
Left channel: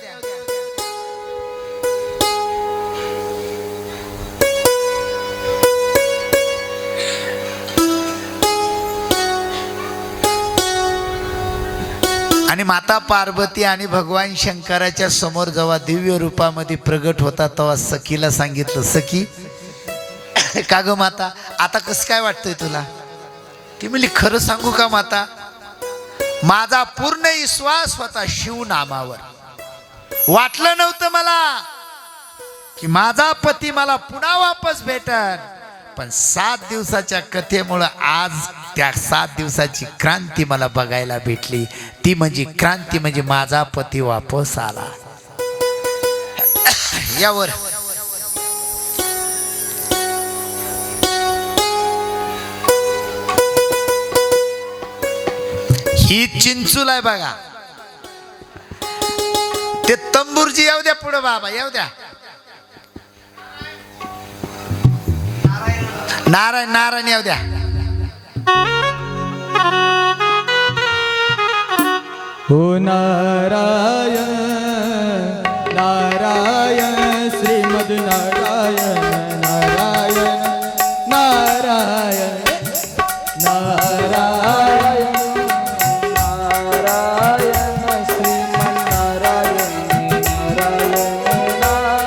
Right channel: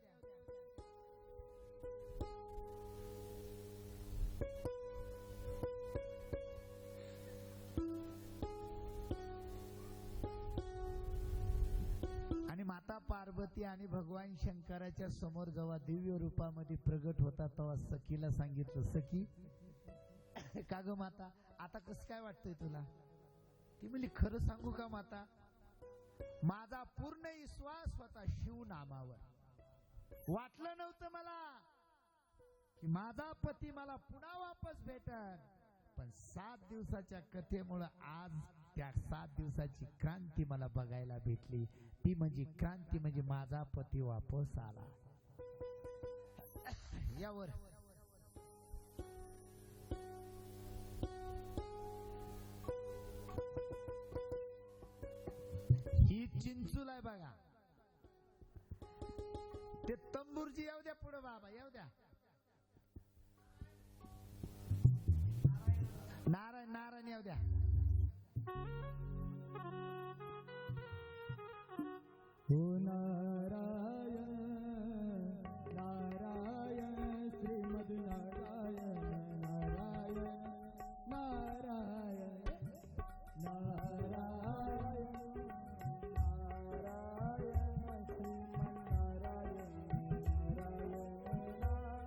आणि माता पार्वती आणि भगवान शंकराच्या समोर जेव्हा दिव्य रूपामध्ये प्रगट होता तेव्हा सखीला सांगितलं, सखी का ग माता, आता कसं काय वाटतंय तुला? ती म्हणली, खरं सांगू का माता, माझा पूर्ण विश्वास होता शिवनामावर. वाटलं नव्हतं मला की माझा पती मला पुन्हा वापस भेटल. पण 7 दिवसाच्या कथेमुळं आज त्या 7 दिवसाची क्रांती मला बघायला भेटली. ती म्हणजे क्रांती म्हणजे माझा पती वापस आला. यावर ही चिंचुल आहे बघा. ते तंबूरजी येऊ द्या पुढे बाबा, येऊ द्या. नारायण नारायण येऊ द्या. हो नारायण नारायण श्रीमद नारायण नारायण नारायण नारायण नारायण श्रीमद नारायण नारायण नारायण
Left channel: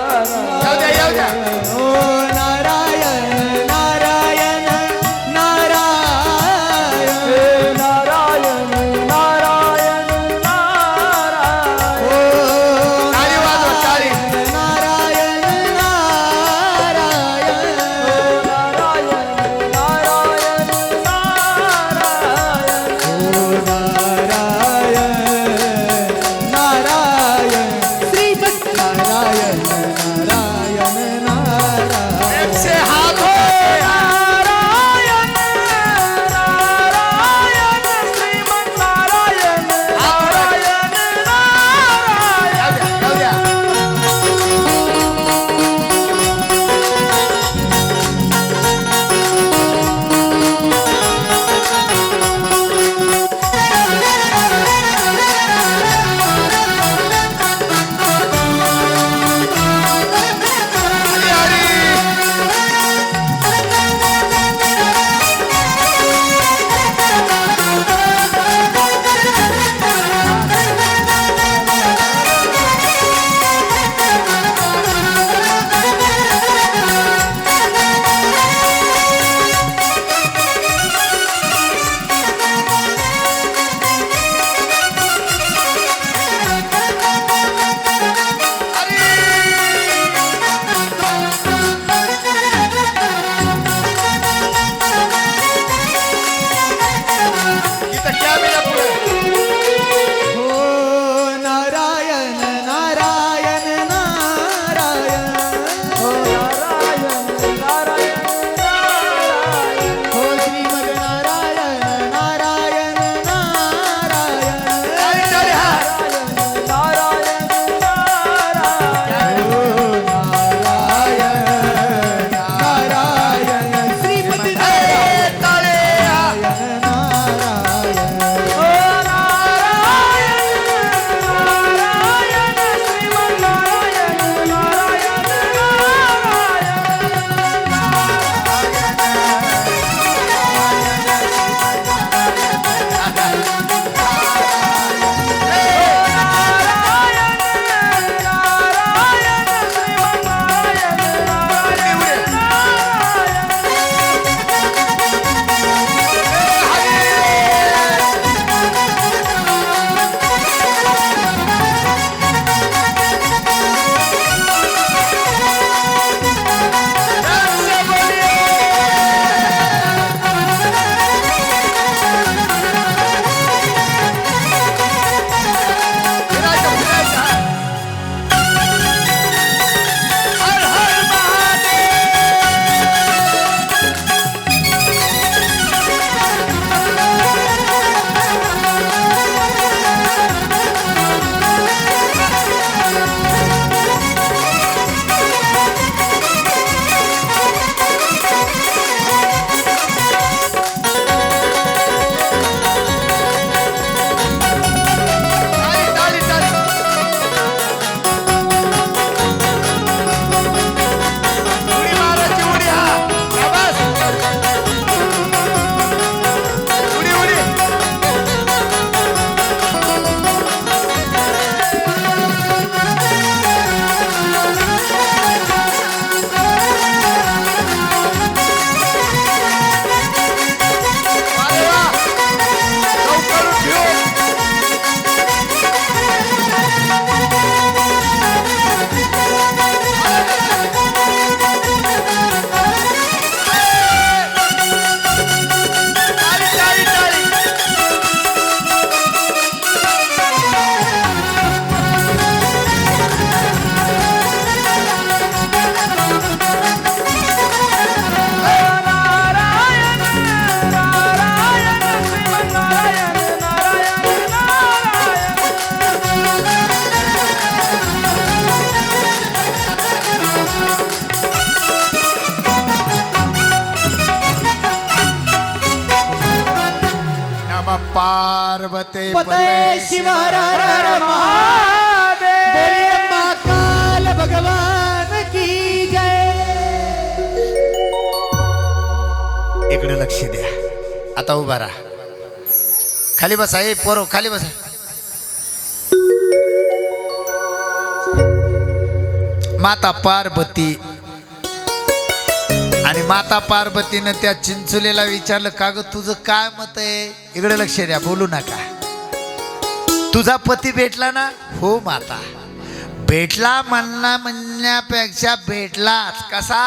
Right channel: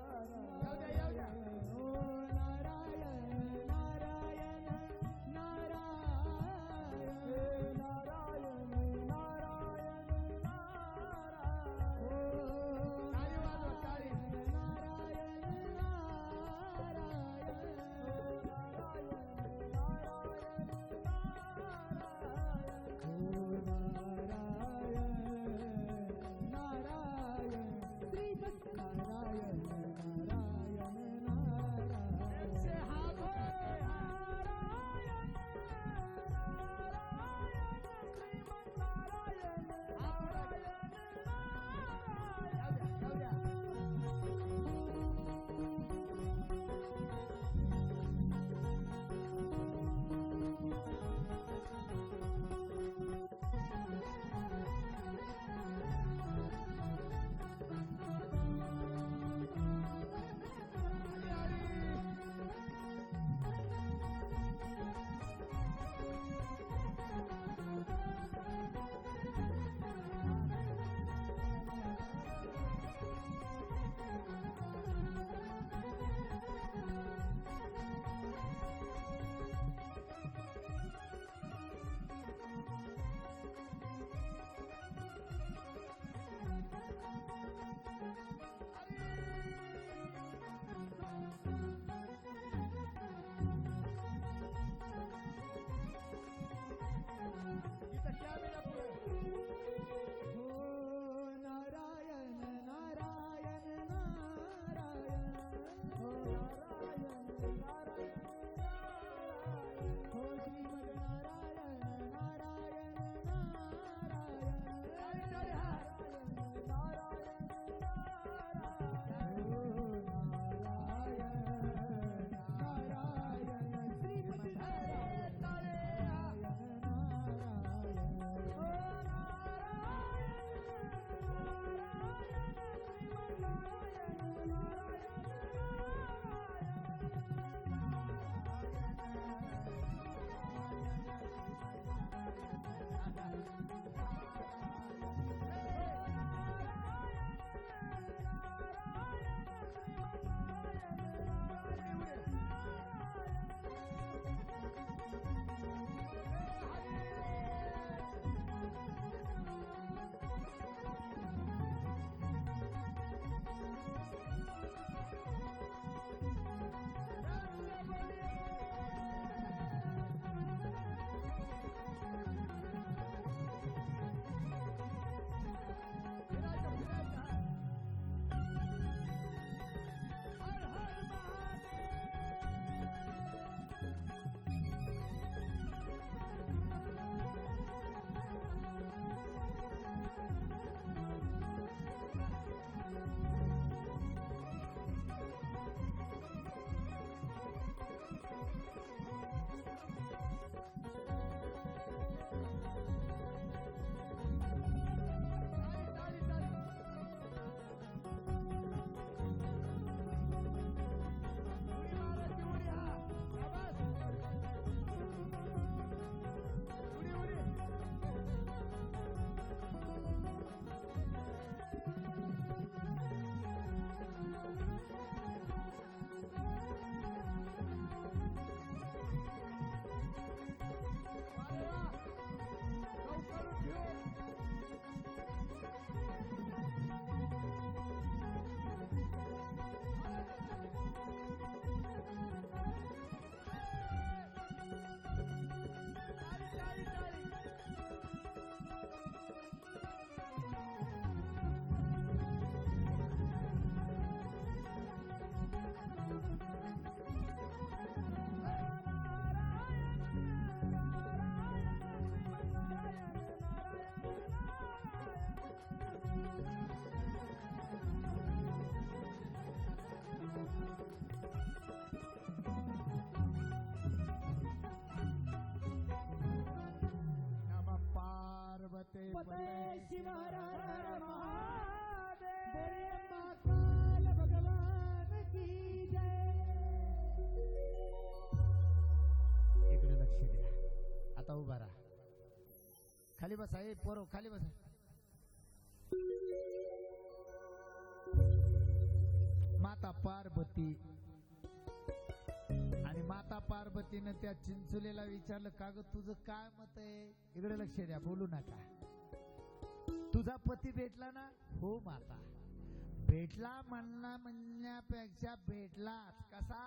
पते शिव हर हर महादेव बोलिए महाकाल भगवान की जय. इकडे लक्ष द्या. आता उभा राहा. खाली बसा. ए पोरो खाली बसा. माता पार्वती आणि माता पार्वतीनं त्या चिंचुलेला विचारलं, का ग तुझं काय मत आहे? इकडे लक्ष द्या, बोलू नका. तुझा पती भेटला ना? हो माता. भेटला म्हणण्यापेक्षा भेटलाच. कसा?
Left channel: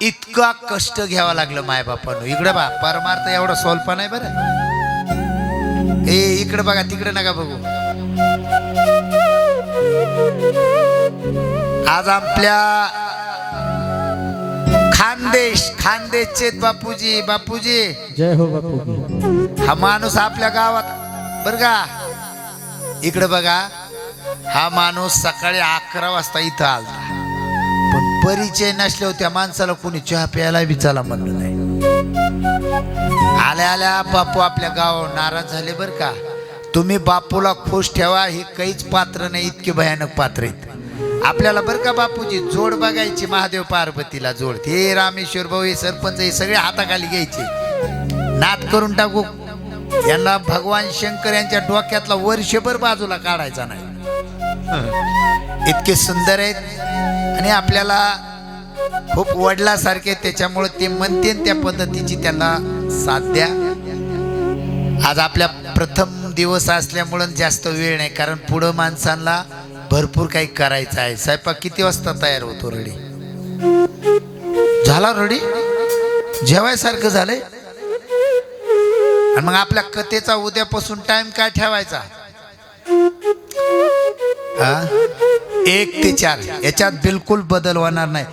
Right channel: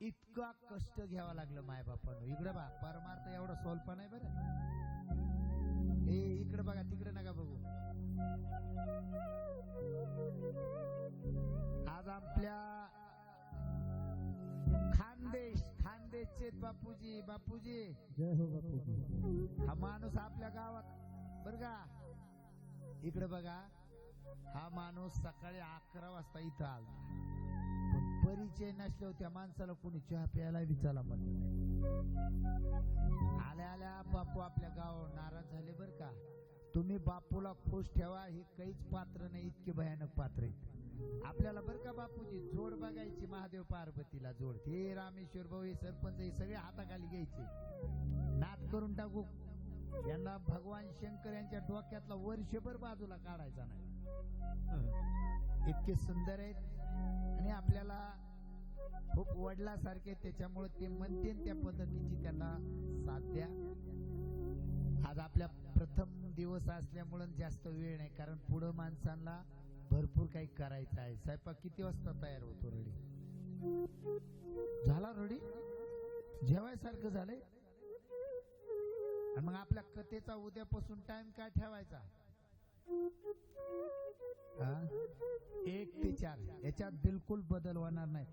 इतका कष्ट घ्यावा लागलं माय बापानं. इकडे बा, परमार्थ एवढा सोलपा नाही बरं. ए इकडे बघा, तिकडे नका बघू. आज आपल्या खानदेशचे बापूजी जय हो बापू. हा माणूस आपल्या गावात बर का. इकडे बघा, हा माणूस सकाळी 11 वाजता इथं आला, पण परिचय नसल्यावर त्या माणसाला कोणी चहा प्यायला बी चला म्हणलं नाही. आल्या आल्या बापू आपल्या गावावर नाराज झाले बर का. तुम्ही बापूला खुश ठेवा, हे काहीच पात्र नाही, इतके भयानक पात्र आहेत आपल्याला बर का. बापूजी जोड बघायची महादेव पार्वतीला जोड. हे रामेश्वर भाऊ, हे सरपंच, हे सगळे हाताखाली घ्यायचे, नाद करून टाकू. यांना भगवान शंकर यांच्या डोक्यातला वर्षभर बाजूला काढायचा नाही. इतके सुंदर आहेत आणि आपल्याला खूप वडिलासारखे, त्याच्यामुळे ते म्हणते त्या पद्धतीची त्यांना साथ द्या. आज आपल्या प्रथम दिवस असल्यामुळं जास्त वेळ नाही, कारण पुढं माणसांना भरपूर काही करायचं आहे. स्वयंपाक किती वाजता तयार होतो? रेडी झाला? रेडी जेवायसारखं झालंय. आणि मग आपल्या कथेचा उद्यापासून टाइम काय ठेवायचा? 1 ते 4 याच्यात बिलकुल बदल होणार नाही.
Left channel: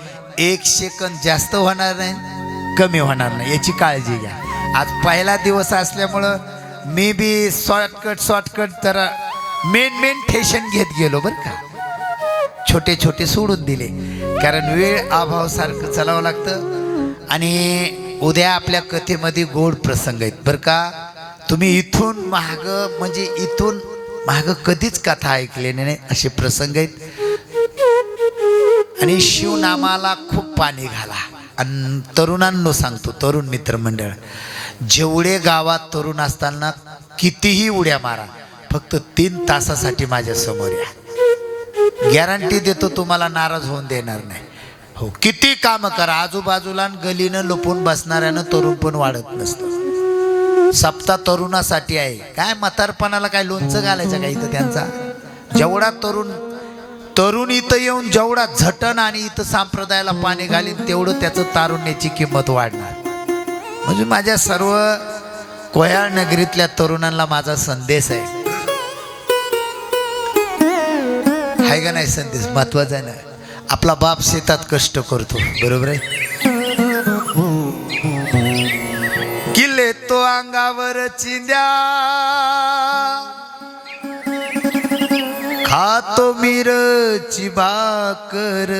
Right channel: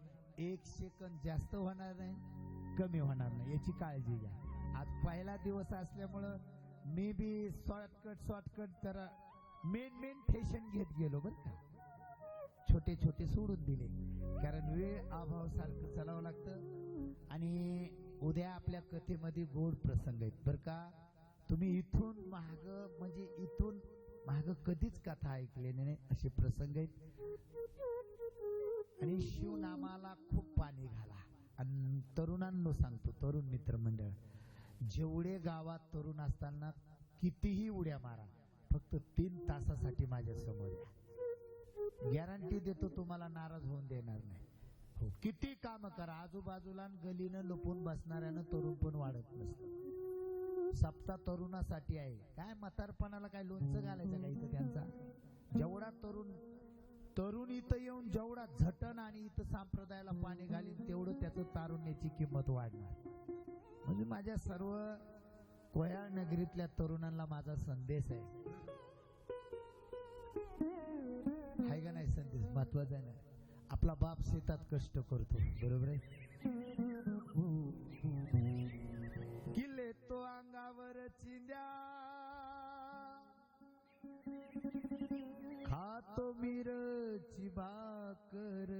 1 सेकंद जास्त होणार नाही, कमी होणार नाही, याची काळजी घ्या. आज पहिला दिवस असल्यामुळं मी बी शॉर्टकट जरा मेन ठेशन घेत गेलो बरं का. छोटे सोडून दिले, कारण वेळ अभाव सारखं चालावं लागतं. आणि उद्या आपल्या कथेमध्ये गोड प्रसंग आहेत बरं का. तुम्ही इथून माग कधीच कथा ऐकले नाही असे प्रसंग आहेत. आणि शिवनामाला खूप पाणी घाला. आणि तरुणांनो सांगतो, तरुण मित्रमंडळ, जेवढे गावात तरुण असताना कितीही उड्या मारा, फक्त 3 तासासाठी माझ्या समोर या. गॅरंटी देतो, तुम्हाला नाराज होऊन देणार नाही. हो, किती काम करा, आजूबाजूला गलीनं लपून बसणाऱ्यानं तरुण पण वाढत नसतं. सप्ताह तरुणासाठी आहे. काय म्हातारपणाला काय लोणचं घालायचं का इथं त्यांचा? जेवढा तरुण इथं येऊन जेवढा झटण आणि इथं संप्रदायाला पाणी घालीन, तेवढं त्याचं तारुण्याची किंमत वाढणार. म्हणजे माझ्या सर्व कोयाळ नगरीतल्या तरुणांना माझा संदेश आहे का नाही? संदेश महत्वाचा आहे ना. आपला बाप शेतात कष्ट करतो, बरोबर आहे. किल्ले तो अंगावर चिंद्या, खातो मिरची भाकर,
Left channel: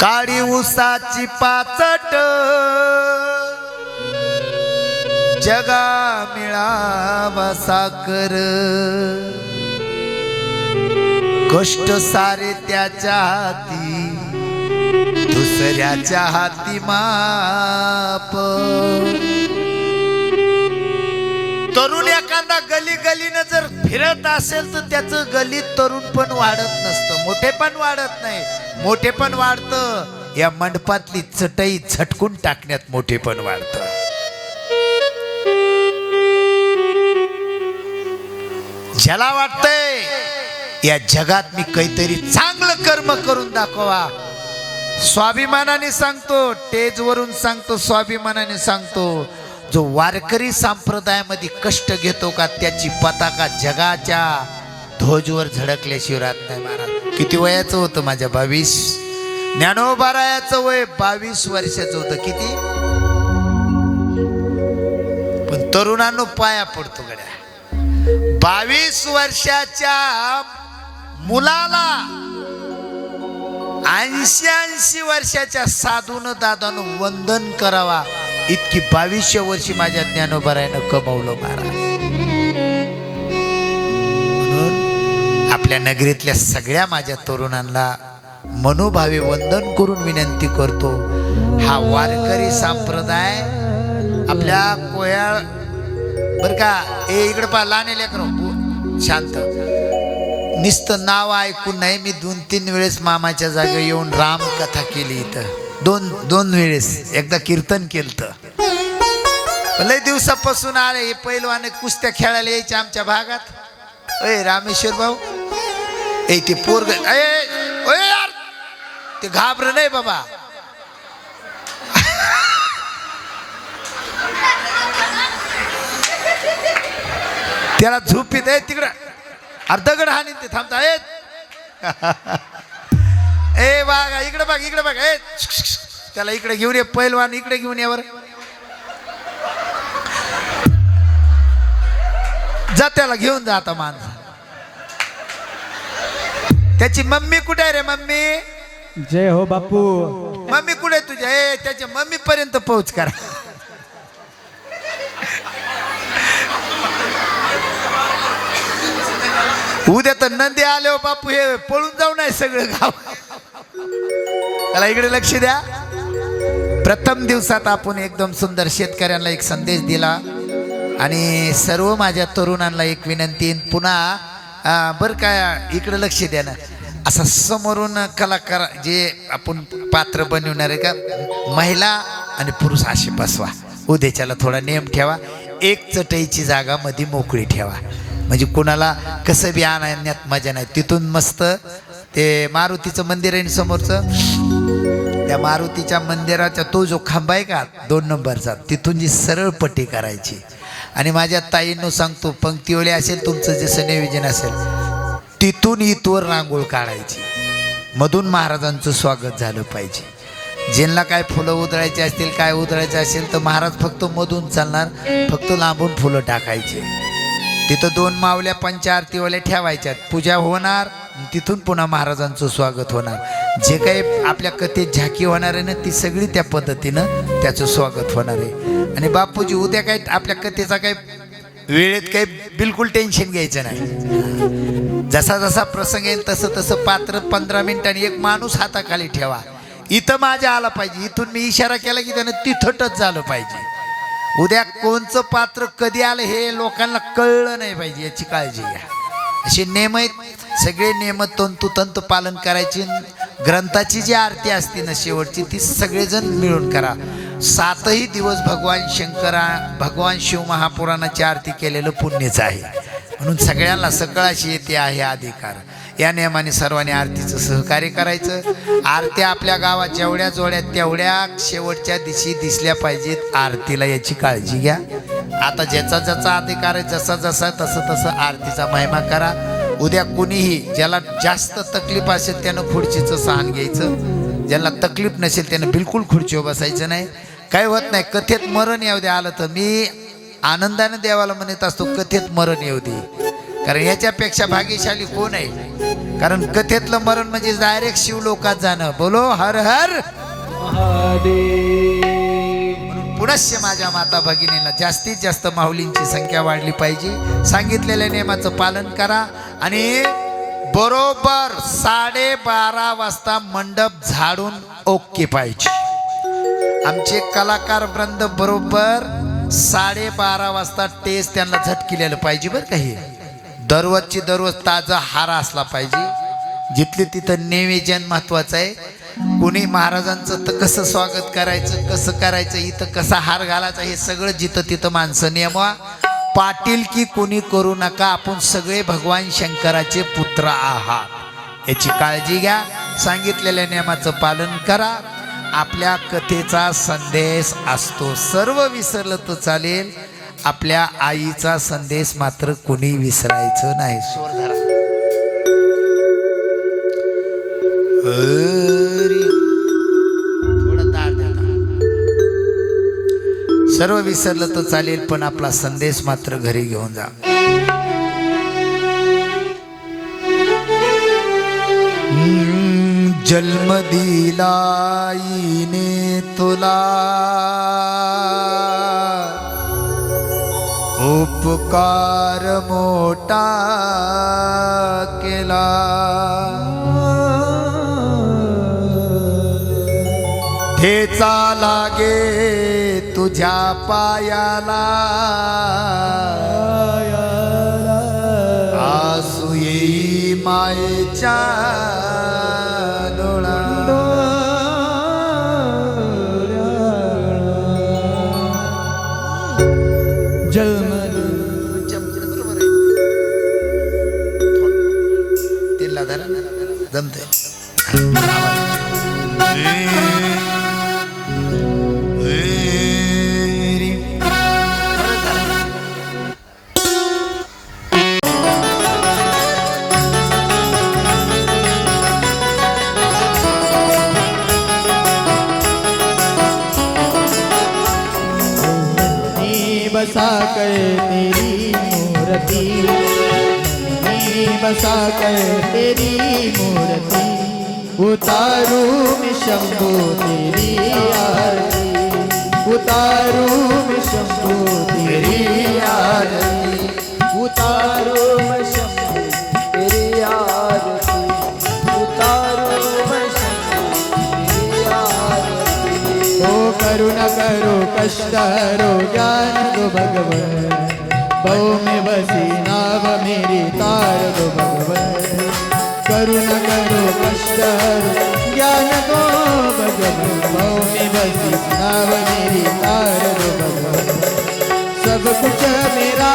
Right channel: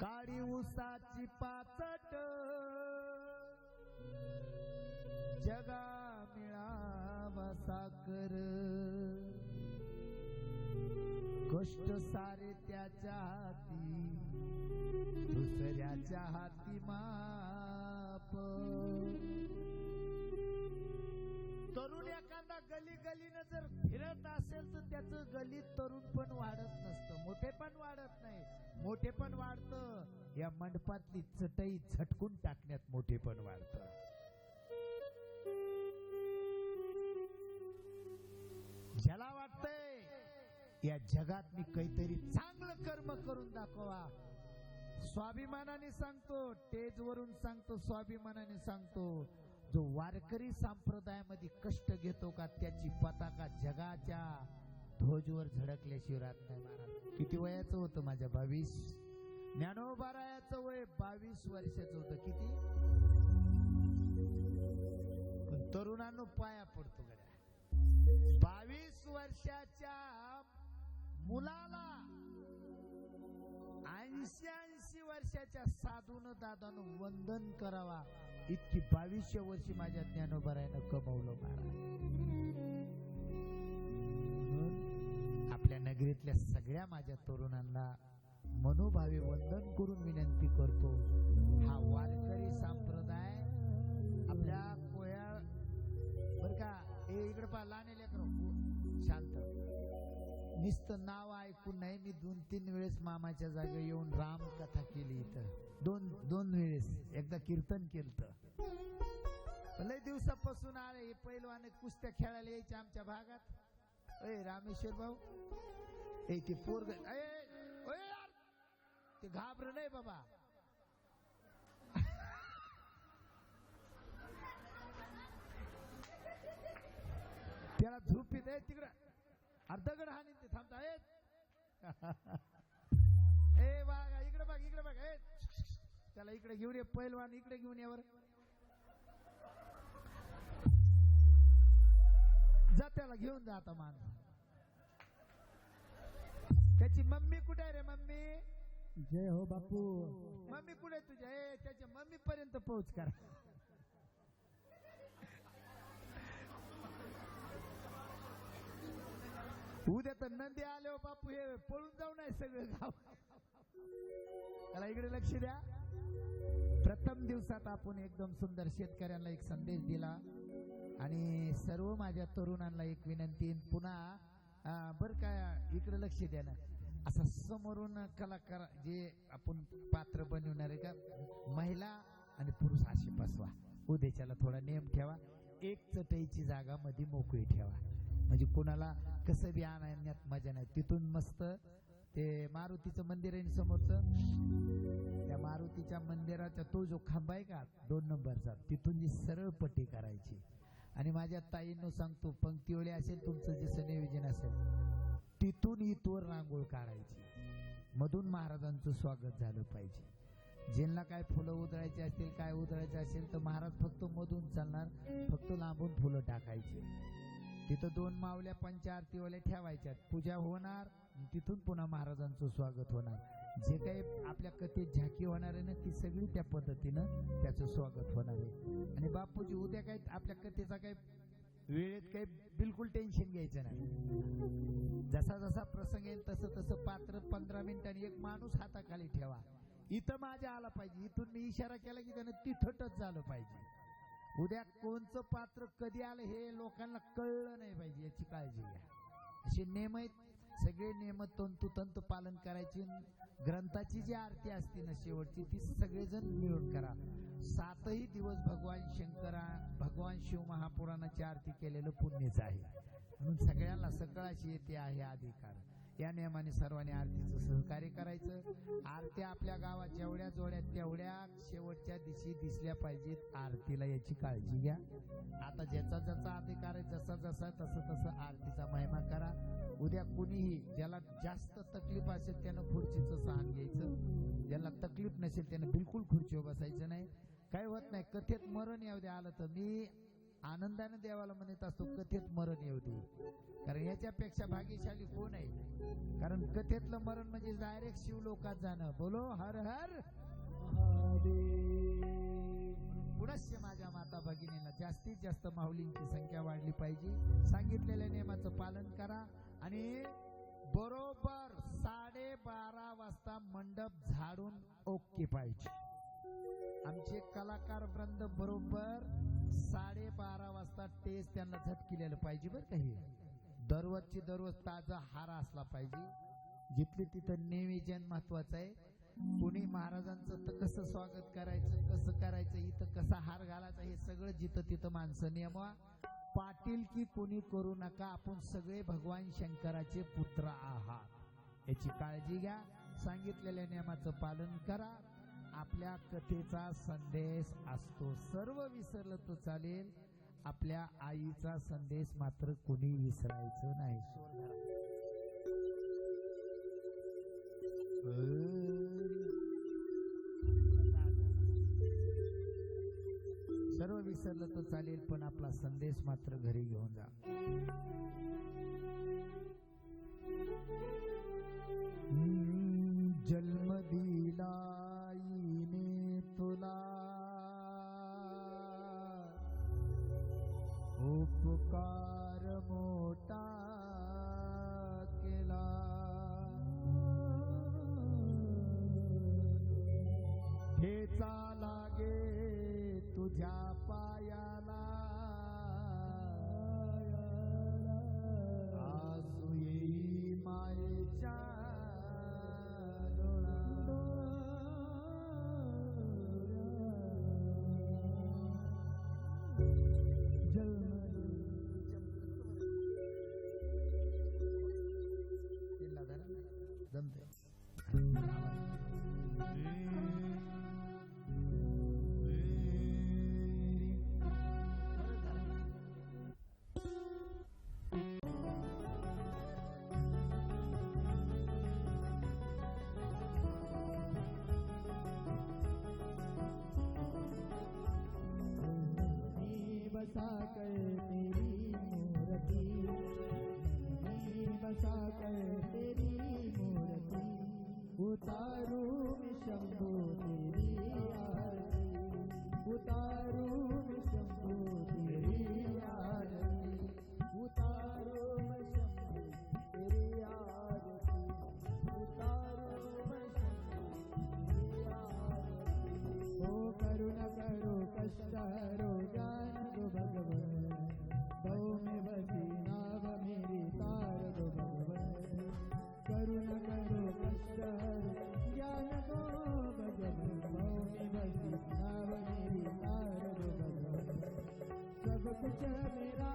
काळी उसाची पाचट, जगा मिळावा साकर, कष्ट सारे त्याच्या हाती, दुसऱ्याच्या हाती माप. तरुण एखादा गलीनं जर फिरत असेल तर त्याचं गलीत तरुण पण वाढत नसतं, मोठे पण वाढत नाही. मोठे पण वाढतं या मंडपातली चटई झटकून टाकण्यात मोठे पण वाढतं. ज्याला वाटतंय या जगात मी काहीतरी चांगलं कर्म करून दाखवा, स्वाभिमानाने सांगतो, टेजवरून सांगतो, स्वाभिमानाने सांगतो, जो वारकरी संप्रदायामध्ये कष्ट घेतो का त्याची पताका जगाच्या ध्वजवर झळकल्याशिवाय राहत नाही. महाराज किती वयाचं होतं माझ्या? 22. ज्ञानोबारायाचं वय 22 वर्षाचं होतं. किती? पण तरुणांनो पाया पडतो गड्या. 22 वर्षाच्या मुलाला 80 वर्षाच्या साधून दादानं वंदन करावा इतकी 2200 वर्षी माझ्या ज्ञानोबारायनं कमवलं महाराज. म्हणून आपल्या नगरीतल्या सगळ्या माझ्या तरुणांना मनोभावे वंदन करून विनंती करतो. हा वारकरी संप्रदाय आपल्या कोयाळ बर का, ए इकडे पा लहान लेकरं शांत, नुसतं नाव ऐकून नाही. मी 2-3 वेळेस मामाच्या जागे येऊन रामकथा केली इथं. दोन वेळेस. एकदा कीर्तन केलं. लय दिवसापासून आले हे पैलवाने कुस्त्या खेळायला यायचे आमच्या भागात. अय रामेश्वर भाऊ, ए ते पोरग यार ते घाबर नाही बाबा. त्याला झोपीत आहे तिकडं अर्धगड हानी ते थांबता ए बागा इकडे बघ इकडे बघ. ए त्याला इकडे घेऊन ये पैलवान, इकडे घेऊन ये. जा त्याला घेऊन जा. आता माणसा त्याची मम्मी कुठे आहे रे? मम्मी जय हो बापू. मम्मी कुठे तुझ्या? ए त्याच्या मम्मी पर्यंत पोहोच करा. उद्या तर नंदी आले हो बापू, हे पळून जाऊ नये सगळं गाव. त्याला इकडे लक्ष द्या. प्रथम दिवसात आपण एकदम सुंदर शेतकऱ्यांना एक संदेश दिला आणि सर्व माझ्या तरुणांना एक विनंती. पुन्हा बरं काय इकडे लक्ष द्या ना. असा समोरून कलाकार जे आपण पात्र बनवणार आहे का, महिला आणि पुरुष असे बसवा. उद्याच्याला थोडा नियम ठेवा. एक चटईची जागा मध्ये मोकळी ठेवा, म्हणजे कोणाला कसं बी आणण्यात मजा नाही. तिथून मस्त ते मारुतीचं मंदिर आहे समोरचं, त्या मारुतीच्या मंदिराचा तो जो खांबा आहे का 2 नंबरचा, तिथून जी सरळ पट्टी करायची. आणि माझ्या ताईंनो सांगतो, पंक्तीवले असेल तुमचं जसं नियोजन असेल तिथून इथवर रांगोळ काढायची. मधून महाराजांचं स्वागत झालं पाहिजे. ज्यांना काय फुलं उधळायचे असतील, काय उधळायचं असेल तर महाराज फक्त मधून चालणार, फक्त लांबून फुलं टाकायचे. तिथं 2 मावल्या पंचारतीवाल्या ठेवायच्यात, पूजा होणार, तिथून पुन्हा महाराजांचं स्वागत होणार. जे काही आपल्या कथेत झाकी होणार आहे ना, ती सगळी त्या पद्धतीनं त्याचं स्वागत होणार आहे. आणि बापूजी उद्या काय आपल्या कथेचा काही वेळेत काही बिलकुल टेन्शन घ्यायचं नाही. जसा जसा प्रसंग येईल तसं तसं पात्र 15 मिनिटांनी एक माणूस हाताखाली ठेवा. इथं माझ्या आला पाहिजे, इथून मी इशारा केला की त्यानं तिथं टच झालं पाहिजे. उद्या कोणचं पात्र कधी आलं हे लोकांना कळलं नाही पाहिजे, याची काळजी घ्या. असे नियम आहेत, सगळे नियम तंतोतंत पालन करायचे. ग्रंथाची जी आरती असते ना शेवटची, ती सगळेजण मिळून करा. 7ही दिवस भगवान शिव महापुराणाची आरती केलेलं पुण्यच आहे. म्हणून सगळ्यांना सकळाशी येते आहे अधिकार. या नियमाने सर्वांनी आरतीचं सहकार्य करायचं. आरत्या आपल्या गावात जेवढ्या जोड्या तेवढ्या शेवटच्या दिवशी दिसल्या पाहिजेत आरतीला, याची काळजी घ्या. आता ज्याचा ज्याचा अधिकार आहे, जसा जसा तसं तसं आरतीचा महिमा करा. उद्या कुणीही ज्याला जास्त तकलीफ असेल त्यानं खुर्चीचं सहन घ्यायचं, ज्याला तकलीफ नसेल त्यानं बिलकुल खुर्चीवर बसायचं नाही. काही होत नाही. कथेत मरण येऊ दे आलं तर मी आनंदाने देवाला म्हणत असतो, कथेत मरण येऊ दे. कारण याच्यापेक्षा भाग्यशाली कोण आहे? कारण कथेतलं मरण म्हणजे डायरेक्ट शिवलोकात जाणं. बोलो हर हर महादेव. पुनश्च माझ्या माता भगिनीला जास्तीत जास्त माऊलींची संख्या वाढली पाहिजे. सांगितलेल्या नियमाचं पालन करा आणि बरोबर 12:30 वाजता मंडप झाडून ओके पाहिजे. आमचे कलाकार वृंद बरोबर 12:30 वाजता टेज त्यांना झटकिलेलं पाहिजे बरं का. हे दररोजची दररोज ताजा हार असला पाहिजे. जिथले तिथं निवेदन महत्वाचं आहे. कोणी महाराजांचं तर कसं स्वागत करायचं, कसं करायचं, इथं कसा हार घालायचा, हे सगळं जिथं तिथं माणसं नियमा. पाटील की कोणी करू नका. आपण सगळे भगवान शंकराचे पुत्र आहात, याची काळजी घ्या. सांगितलेल्या नियमाचं पालन करा. आपल्या कथेचा संदेश असतो. सर्व विसरलं तर चालेल, आपल्या आईचा संदेश मात्र कोणी विसरायचं नाही. थोडं ताट द्या. सर्व विसरलं तर चालेल, पण आपला संदेश मात्र घरी घेऊन जा. जन्म दिला आईने तुला, उपकार मोठा केला ठेचा लागे तुझ्या पायाला आसू येई मायेच्या डोळा तिला धरा जमते बसा कर तेरी मूर्ति बसा कर तेरी मूर्ति उतारू मैं शंभो तेरी आरती उतारू मैं शंभो तेरी आरती उतारू मैं शंभो तेरी आरती उतारू मैं शंभो तेरी आरती ओ करुणा करो कष्ट हरो ज्ञान दो भगवन बहु में बसी नाव मेरी तार दो भगवन करुणा करो कष्ट हरो ज्ञान दो भगवन बहु में बसी नाव मेरी तार दो भगवन सब कुछ मेरा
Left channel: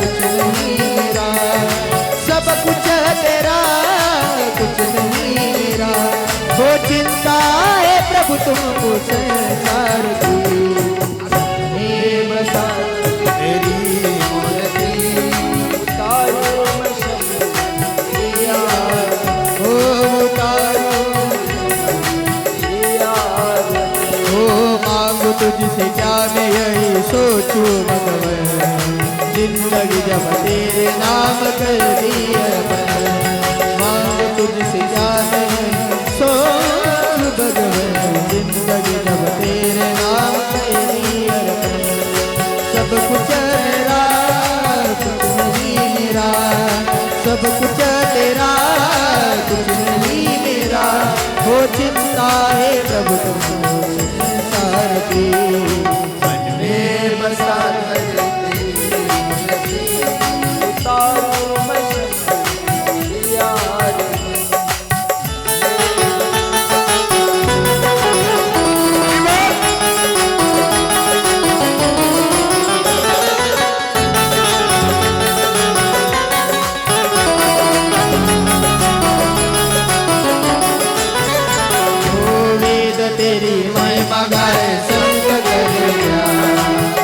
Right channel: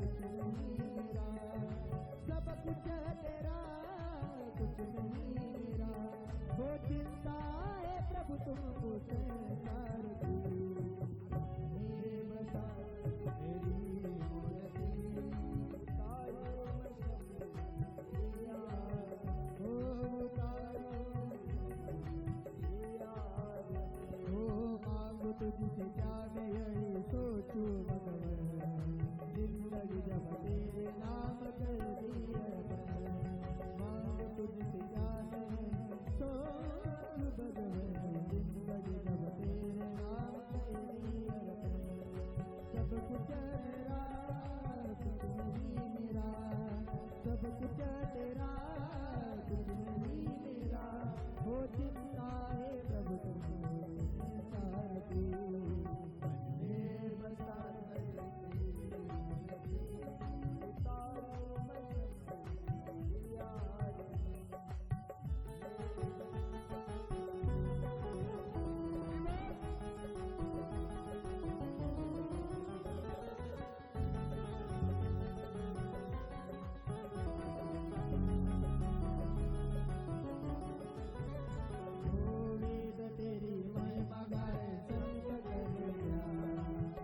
कुछ नहीं मेरा सब कुछ तेरा कुछ नहीं मेरा हो चिंता है प्रभु तुमको संसार की बसा तेरी मूर्ति उतारो मैं शंभो तेरी आरती ओ उतारो तेरी आरती ओ मांगू तुझसे क्या मैं यही सोचूं भगवन जिंदगी जब तेरे नाम कर दी है मांगू तुझसे क्या मैं सोचूं भगवन जिंदगी जब तेरे नाम कर दी है सब कुछ मेरा कुछ नहीं मेरा सब कुछ तेरा कुछ नहीं मेरा हो चिंता है प्रभु तुमको संसार की मन में बसा कर तेरी मूर्ति उतारो मैं शंभो तेरी आरती तेरी महिमा गाए संग करे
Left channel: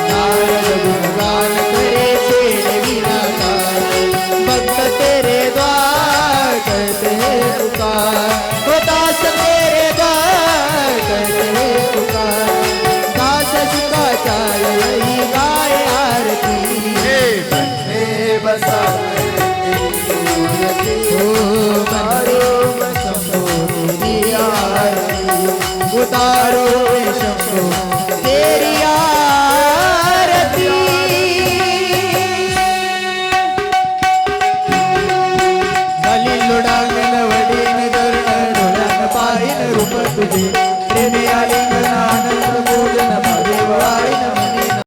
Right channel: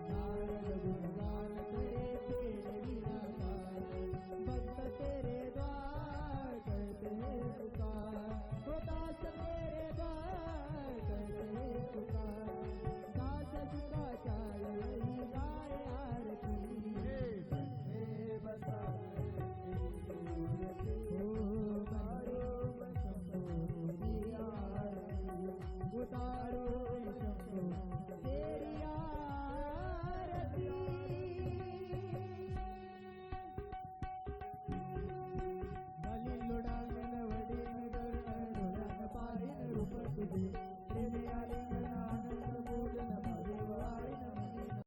नारद गुणगान करे तेरे बिना गाए भक्त तेरे द्वार करते हैं पुकार हो दास तेरे द्वार करते हैं पुकार दास शुकाचार्य यही गाए आरती बसा